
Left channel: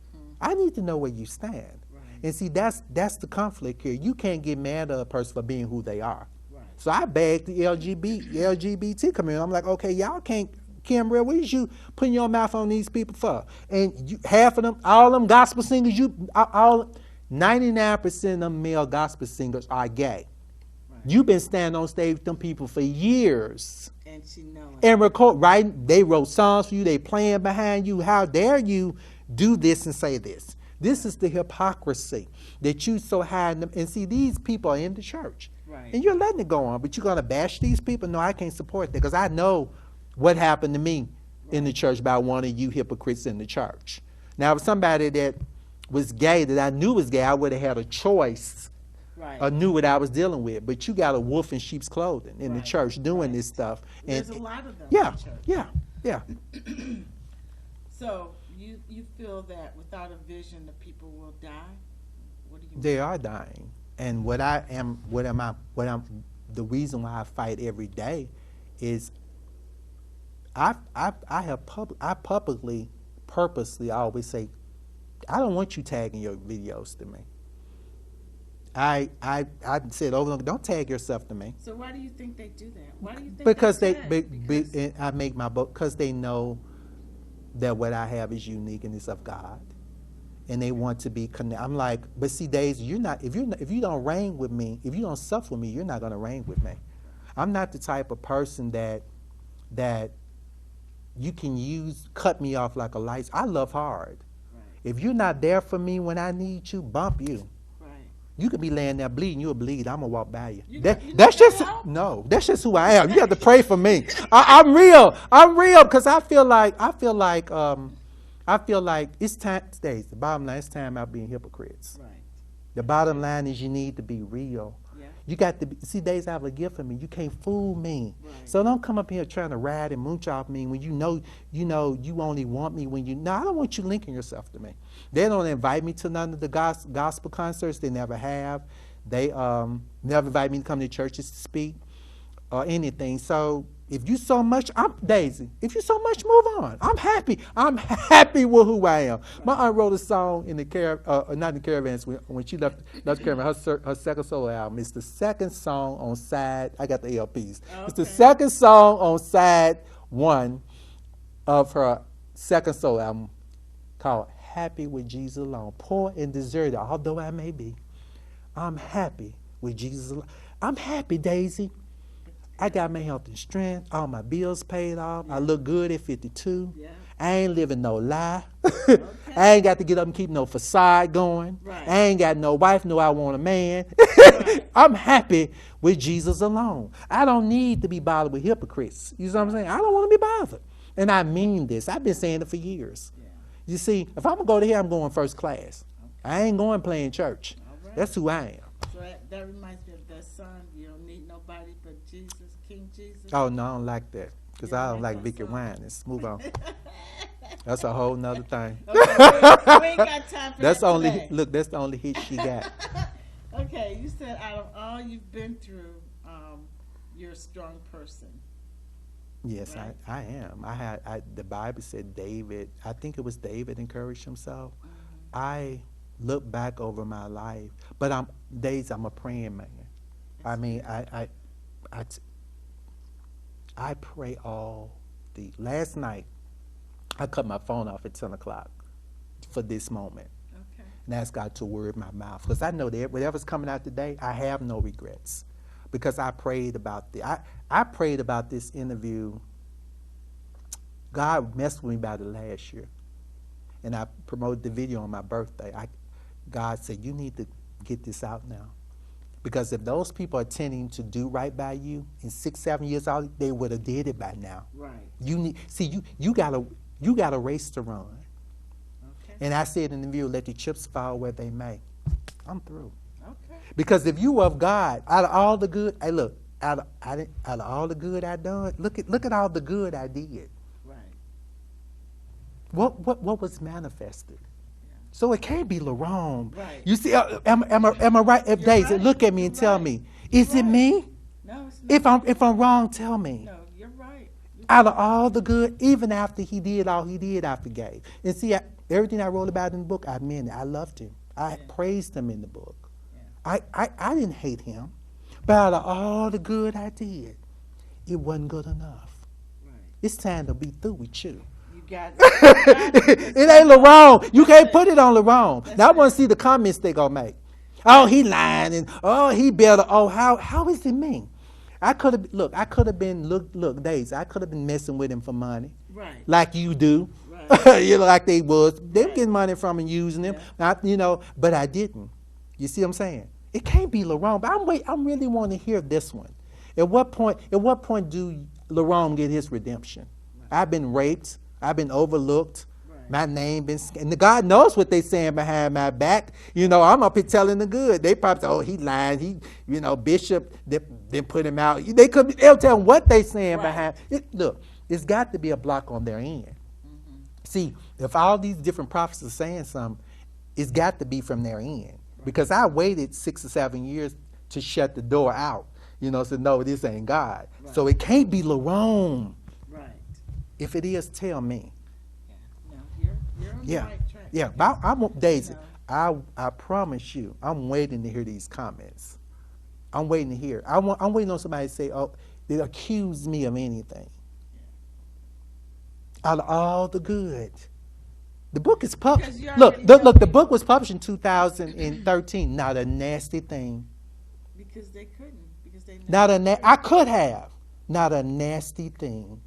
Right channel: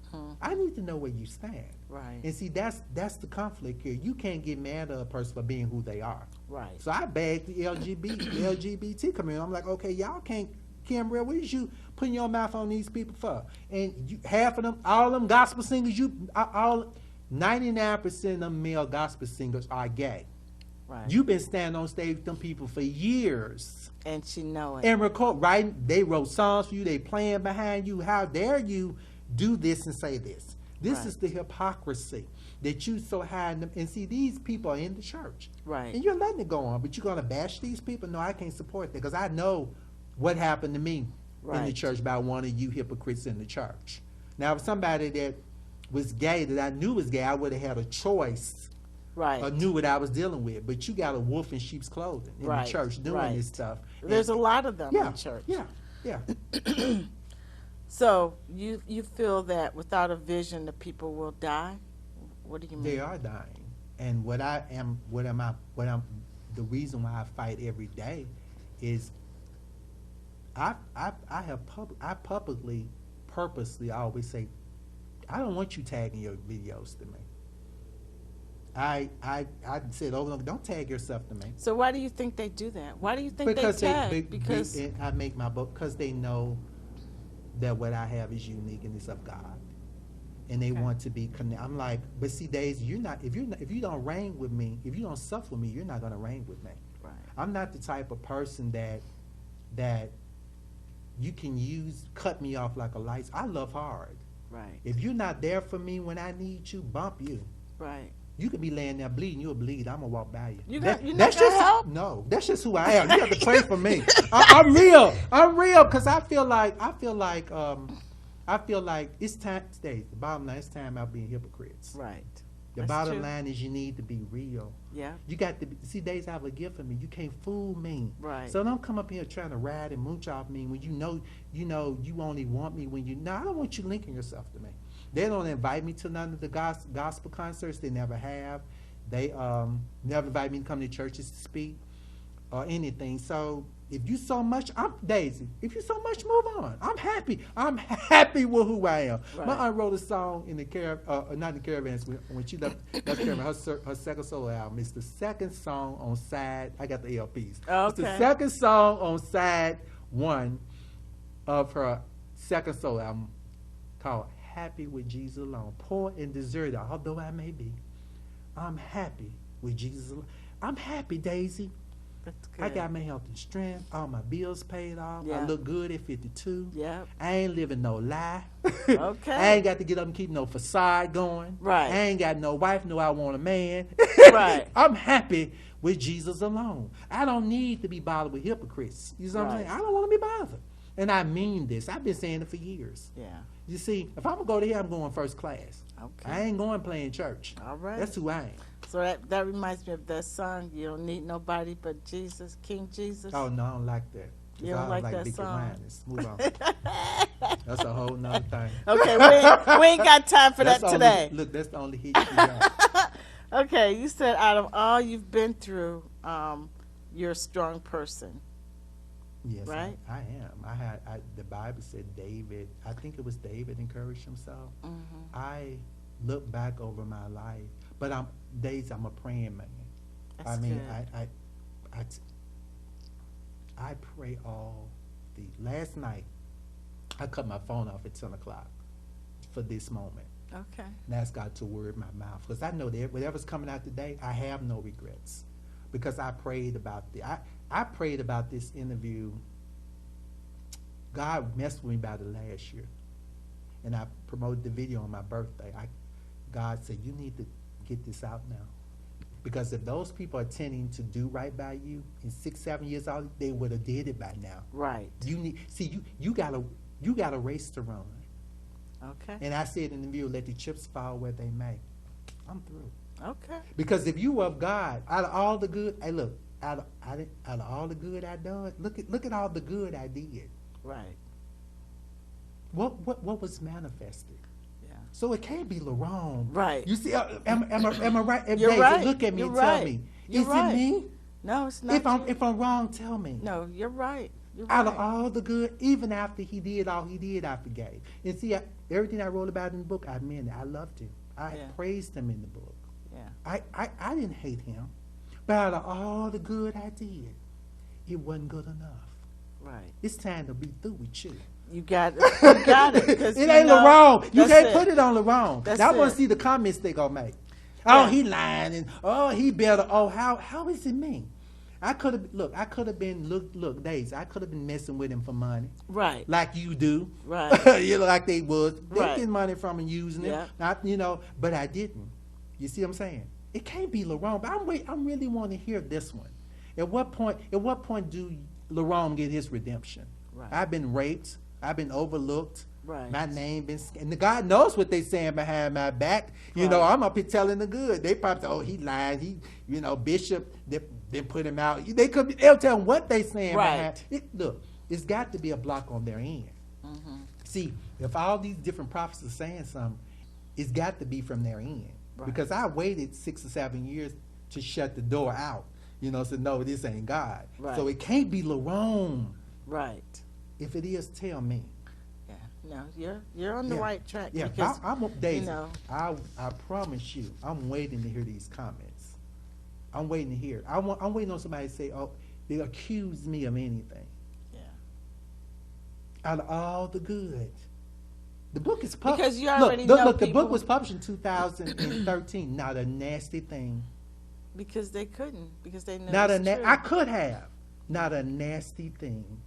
I need to know where you stand. Right. And see, that's the conflict here. You can't get mad at a person for being who they are. Right. So I begged the LGBT community. I'm like, okay, y'all can't, Kimbrell, what is you putting your mouth on these people for? And half of them, all them gospel singers, 99% of them male gospel singers are gay. Right. You've been standing on stage with them people for years. And she know it. And they wrote songs for you, they playing behind you. How dare you do this and say this? This is the hypocrisy that you so hide them. And see, these people are in the church. Right. And you're letting it go on, but you're going to bash these people? No, I can't support that, because I know what happened to me in the church by one of you hypocrites in the church. Now, if somebody that was gay, that I knew was gay, I would have had a choice. Right. Or knew what I was dealing with. But you got a wolf in sheep's clothing in the church doing this stuff. There's a lot of them in the church. Yeah. So you feel that without a vision, the people will die? What do you mean? They are dying. And the reason why I fight every day is I publicly, purposely, I always say, I don't want you tagging your videos to me. I said over and over, don't tag yourself to me. So why do you think they do that? Why do you think because they tag? I make my book because they know that what I have is unique and it's of God, and they want to be connected. I'm like, but see, Daisy, you're not. If you don't reign with me, if you don't suffer with me, you're not going to reign with me. Right. I'm not the type of person that you can cut me off like a light. I love hard. Right. If you're not there for me when I need you, bump you. Right. You could be laying there bleeding, you'll bleed. I'm gonna walk by you. That's just who I am. You have to pray for me. I'm real, because I feel like it's time. The bottom line, it's time out being hypocrites. Right. The bottom line is you need to be real. Yeah. You got to see, Days, I have a gift for me. You can't fool me. Right. So don't come up here trying to ride and mooch off me when you know you only want me when you. No, I don't want you linking yourself to me. They don't invite me to none of the gospel concerts. They never have. They never invite me to come to churches to speak or anything. So if you so much, Daisy, if you so much, move on. I'm happy. I'm happy with who I am. Right. My aunt wrote a song in the not in the Caravans, when she left Caravan, her second solo album. It's the second song on side, I got the LPs. Okay. It's the second song on side 1 of her second solo album called Happy with Jesus Alone. Poor and deserted, although I may be, I'm happy with Jesus alone. I'm happy, Daisy. I got my health and strength. All my bills paid off. I look good at 52. Yeah. I ain't living no lie. Okay. I ain't got to get up and keep no facade going. Right. I ain't got no wife, no I want a man. Right. I'm happy with Jesus alone. I don't need to be bothered with hypocrites. You know what I'm saying? I don't want to be bothered. And I mean this. I've been saying it for years. Yeah. You see, if I'm going to go to here, I'm going first class. Okay. I ain't going playing church. All right. That's who I am. So that reminds me of that song, You Don't Need Nobody But Jesus, King Jesus. Oh, no, I don't like that. Because I don't like Vicky Winans. Move on. That's a whole nother thing. Okay, we ain't got time for that today. Look, that's the only hit she got. Okay, you said out of all you've been through, you're a strong person. Yes, right? I am. The Bible said David, I think it was David encouraged himself. Mm-hmm. I look back over my life, but I'm a praying man. That's I mean, good. I pray all the. Last night, I cut my phone off at 10 o'clock for this moment. Okay. And ask God to word my mouth, because I know that whatever's coming out today, I have no regrets, because I prayed about I prayed about this interview. God messed with me about it last year, and I promoted the video on my birthday. God said, you need to get this out now, because if those people are tending to do right by you in 6, 7 years out, they would have did it by now. Right. You got a race to run. Okay. And I said in the video, let the chips fall where they may. I'm through. Okay. Because if you of God, out of all the good, hey, look, out of all the good I done, look at all the good I did. Right. What was manifested? Yeah. So it can't be Lerone. Right. You see, am I right? If You're Daisy, right. look at me You're and tell right. me, You're is it right. me? No, it's not. If I'm wrong, tell me. No, you're right. Out of all the good, even after he did all he did, I forgave. And see, everything I wrote about in the book, I meant it. I loved him. I praised him in the book. Yeah. I didn't hate him. But out of all the good I did, it wasn't good enough. Right. It's time to be through with you. You got it. It ain't Lerone. You can't put it on Lerone. Now I want it. to see the comments they gonna make. Oh, he lying, and oh, he better. Oh, how is it me? I could have been Daisy. I could have been messing with him for money. Right. Like you do. Right. You know, like they was. They Right. getting money from and using him. Yeah. But I didn't. You see what I'm saying? It can't be Lerone. But I'm really want to hear this one. At what point do Lerone get his redemption? Right. I've been raped. I've been overlooked. Right. My name been, and the God knows what they saying behind my back. You know, I'm up here telling the good. They probably say, oh, he lied. He, Bishop, they put him out. They'll tell them what they saying behind. Look, it's got to be a block on their end. Mm-hmm. See, if all these different prophets are saying something, it's got to be from their end. Right. Because I waited 6 or 7 years to shut the door out. So no, this ain't God. Right. So it can't be Lerone. Right. If it is, tell me. You're on the right track. Yeah, because, I want Daisy. I promise you, I'm waiting to hear these comments. I'm waiting to hear. I'm waiting on somebody to say, "Oh, they accuse me of anything." Yeah. Out of all the good, the book is published. Look, the book was published in 2013. Not a nasty thing. Because they couldn't. Because they I could have. Not a nasty thing.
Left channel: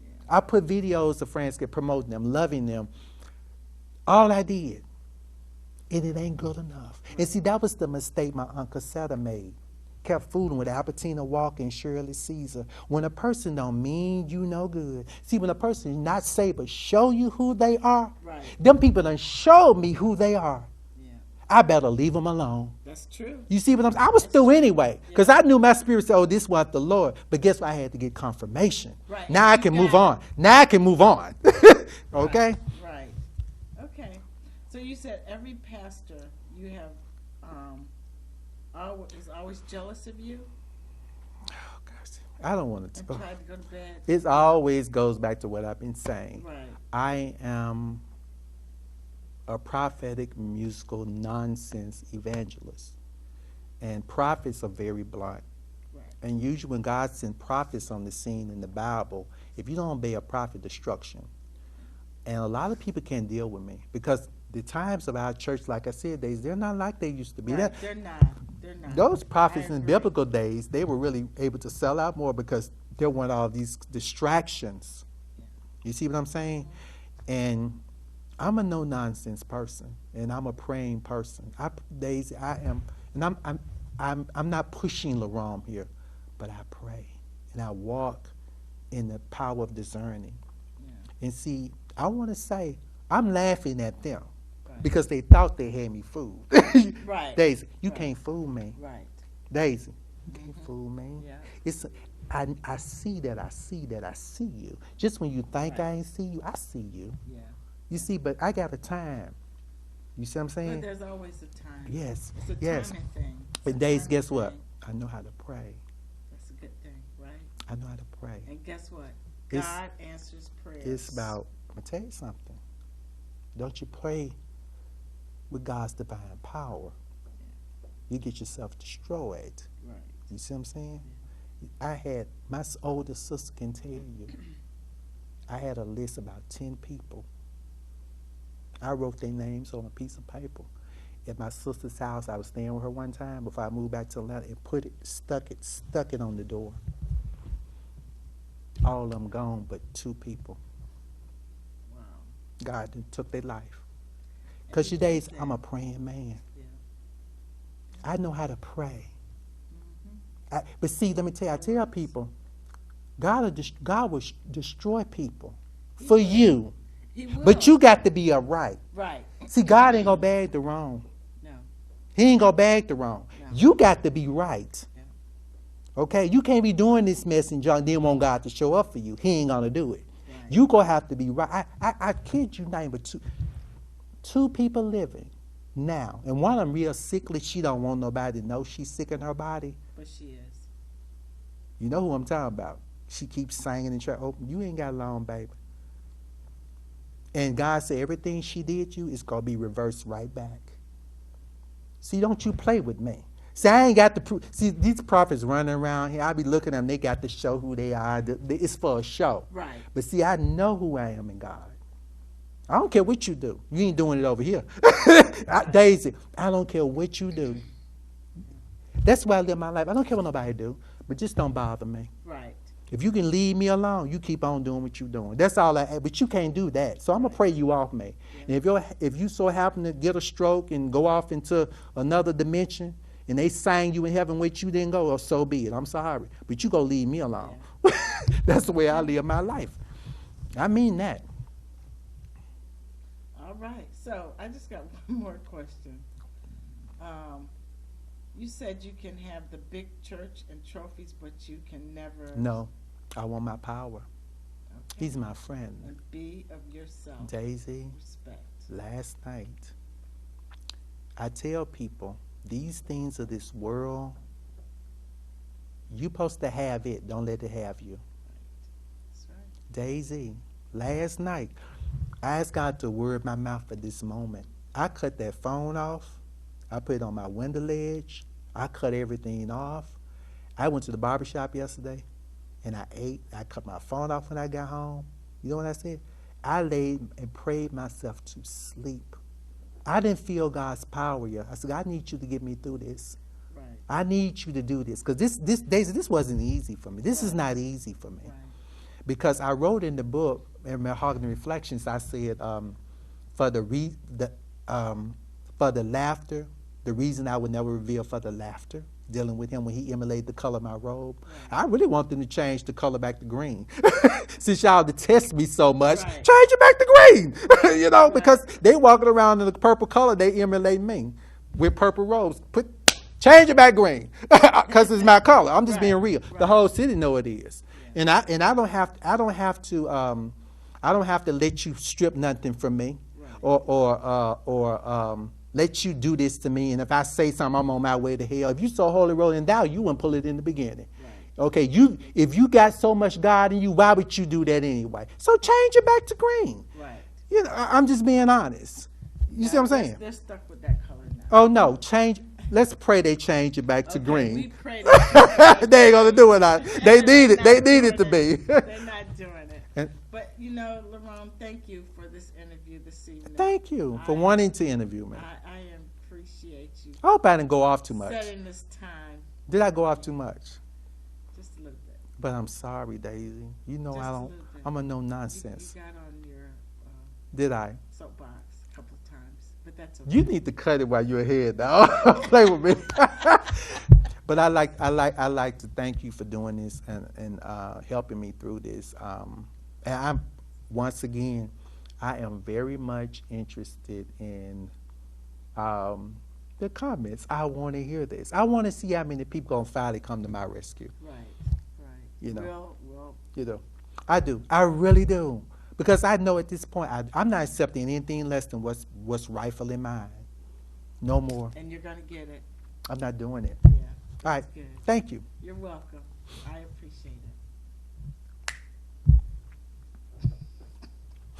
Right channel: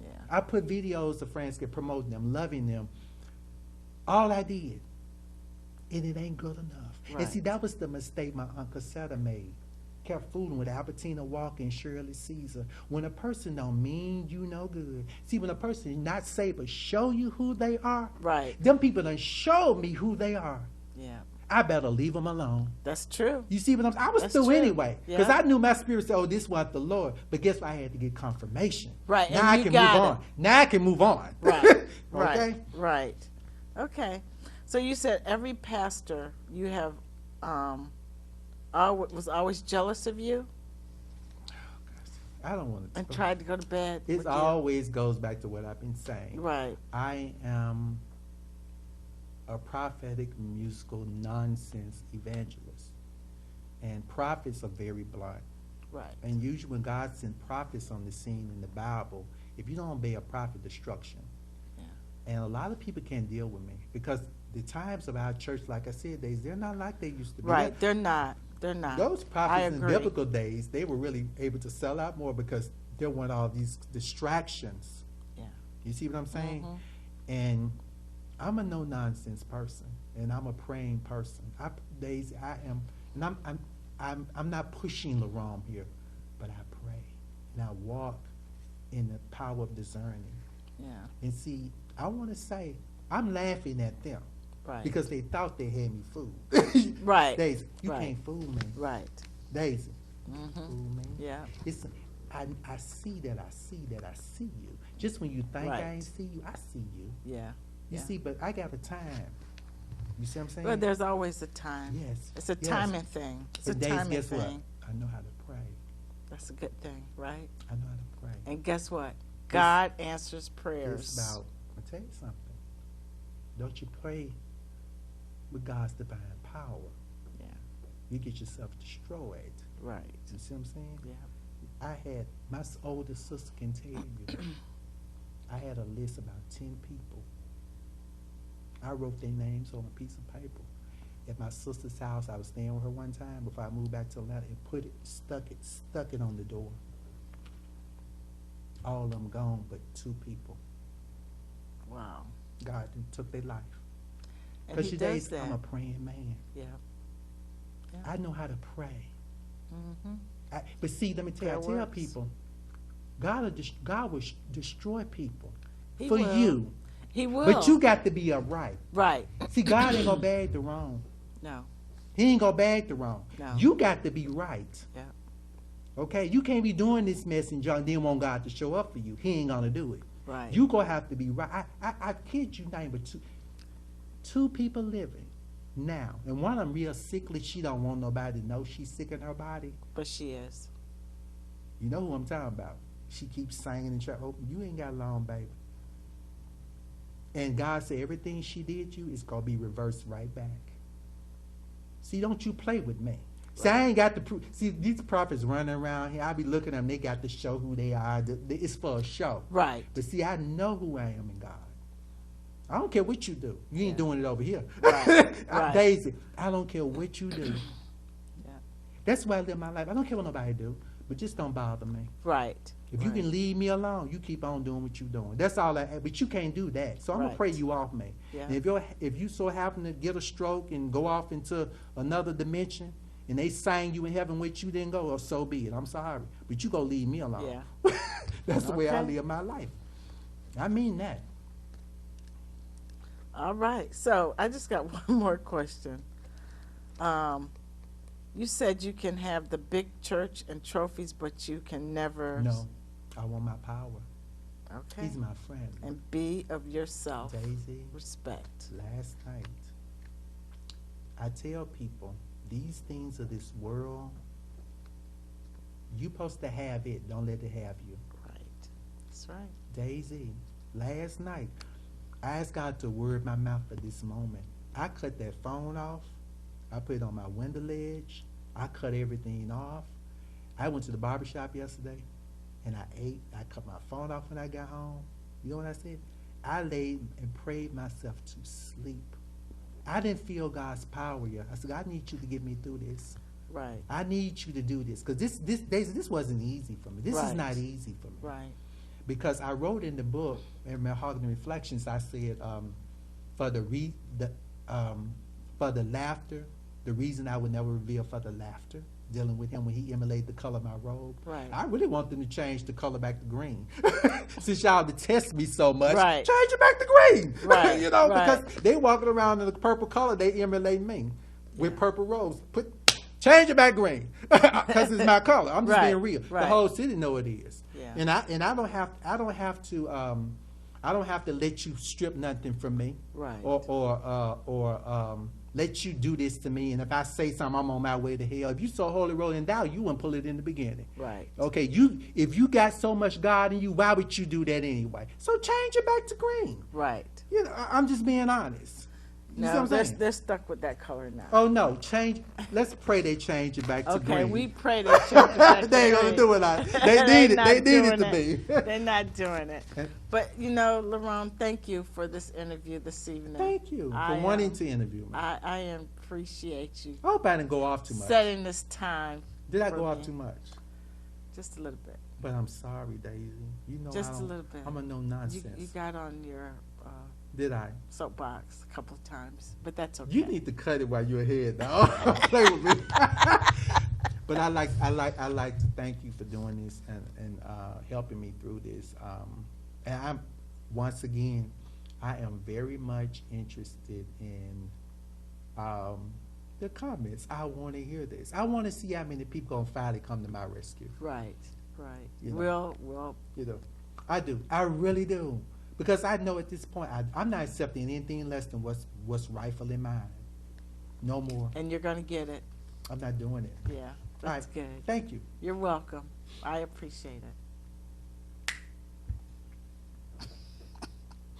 Yeah. I put videos of friends promoting them, loving them. All I did, and it ain't good enough. Right. And see, that was the mistake my Uncle Seta made. Kept fooling with Albertina Walker and Shirley Caesar. When a person don't mean you no good. See, when a person is not say but show you who they are, right. Them people done showed me who they are. Yeah. I better leave them alone. That's true. You see what I'm saying? I was That's through true. anyway. Because I knew my spirit said, oh, this was the Lord. But guess what? I had to get confirmation. Right. Now I can move on. Now I can move on. Right. Okay? Right. Okay. So you said every pastor you have was always jealous of you? Oh, gosh. I don't want to. And tried to go to bed? It always goes back to what I've been saying. Right. I am a prophetic musical nonsense evangelist. And prophets are very blunt. Right. And usually when God sends prophets on the scene in the Bible, if you don't obey a prophet, destruction. Yeah. And a lot of people can't deal with me because the times of our church, like I said, they're not like they used to be. Right, they're not. they're not. Those prophets in agree. biblical days, they were really able to sell out more because there weren't all these distractions. Yeah. You see what I'm saying? Mm-hmm. And I'm a no-nonsense person, and I'm a praying person. Daisy, I am, and I'm not pushing Lerone here, but I pray and I walk in the power of discerning. Yeah. And see, I want to say, I'm laughing at them. Right. Because they thought they had me fooled. Right. Daisy, you Right. can't fool me. Right. Daisy, you can't fool me. Yeah. I see that I see you. Just when you think Right. I ain't see you, I see you. Yeah. You see, but I got a time. You see what I'm saying? But there's always a time. Yes. It's a yes. timing thing. It's But a Daisy, timing guess what? thing. I know how to pray. That's a good thing, right? I know how to pray. And guess what? God answers prayers. It's about, I'm going to tell you something. Don't you pray with God's divine power. Yeah. You get yourself destroyed. Right. You see what I'm saying? Yeah. I had, my older sister can tell you, I had a list about 10 people. I wrote their names on a piece of paper. At my sister's house, I was staying with her one time before I moved back to Atlanta and stuck it on the door. All of them gone but 2 people. Wow. God took their life. And Because he today does that. I'm a praying man. Yeah. I know how to pray. Mm-hmm. But see, let me tell you, I That tell works. people, God will destroy people He for will. you. He will. But you got to be upright. Right. See, God ain't going to bag the wrong. No. He ain't going to bag the wrong. No. You got to be right. Yeah. Okay? You can't be doing this mess and then want God to show up for you. He ain't going to do it. Right. You going to have to be right. I kid you not, but two people living now. And one of them real sickly. She don't want nobody to know she's sick in her body. But she is. You know who I'm talking about. She keeps singing and trying. Oh, you ain't got long, baby. And God said everything she did you is going to be reversed right back. See, don't you play with me. See, I ain't got the proof. See, these prophets running around here, I be looking at them, they got to show who they are. It's for a show. Right. But see, I know who I am in God. I don't care what you do. You ain't doing it over here. Right. Daisy, I don't care what you do. Yeah. That's why I live my life. I don't care what nobody do, but just don't bother me. Right. If you can leave me alone, you keep on doing what you're doing. That's all but you can't do that. So I'm going to pray you off me. Yeah. And if you so happen to get a stroke and go off into another dimension and they sang you in heaven with you didn't go, well, so be it. I'm sorry. But you going to leave me alone. Yeah. That's the way I live my life. I mean that. All right. So I just got one more question. You said you can have the big church and trophies, but you can never. No, I want my power. Okay. He's my friend. And be of yourself. Daisy, Respect. last night, I tell people, these things of this world, you're supposed to have it. Don't let it have you. Right. That's right. Daisy, last night, I asked God to word my mouth at this moment. I cut that phone off. I put it on my window ledge. I cut everything off. I went to the barbershop yesterday, and I ate. I cut my phone off when I got home. You know what I said? I laid and prayed myself to sleep. I didn't feel God's power yet. I said, I need you to get me through this. Right. I need you to do this. Because Daisy, this wasn't easy for me. This is Right. not easy for me. Right. Because I wrote in the book, in Malehogany Reflections, I said, for the laughter, the reason I would never reveal for the laughter, dealing with him when he emulated the color of my robe. Right. I really want them to change the color back to green. Since y'all detest me so much, Right. change it back to green. Right, You know, right. because they walking around in the purple color, they emulate me with purple robes. Change it back green, because it's my color. I'm just Right, being real. right. The whole city know it is. Yeah. And I don't have to let you strip nothing from me, Right. or let you do this to me. And if I say something, I'm on my way to hell. If you saw Holy Rolling Down, you wouldn't pull it in the beginning. Right. Okay, if you got so much God in you, why would you do that anyway? So change it back to green. Right. You know, I'm just being honest. You see what I'm saying? They're stuck with that color now. Oh no, change. Let's pray they change it back to green. We pray they change it back to They ain't gonna green. do it. They need it. They need it to doing be. They're not doing it. But Lerone, thank you for this interview this evening. Thank you for wanting to interview me. I appreciate you. I hope I didn't go off too much. Setting this time. Did I go off too much? Just a little bit. But I'm sorry, Daisy. You know Just I a don't. little bit. I'm a no nonsense. You got on your Did I? soapbox a couple of times, but that's okay. You need to cut it while you're ahead, now. Play with me. But I like to thank you for doing this and helping me through this. And I'm once again, I am very much interested in the comments. I want to hear this. I want to see how many people gonna finally come to my rescue. Right. You know. Well. You know, I do. I really do. Because I know at this point, I'm not accepting anything less than what's rightfully mine. No more. And you're going to get it. I'm not doing it. Yeah. All right. Good. Thank you. You're welcome. I appreciate it.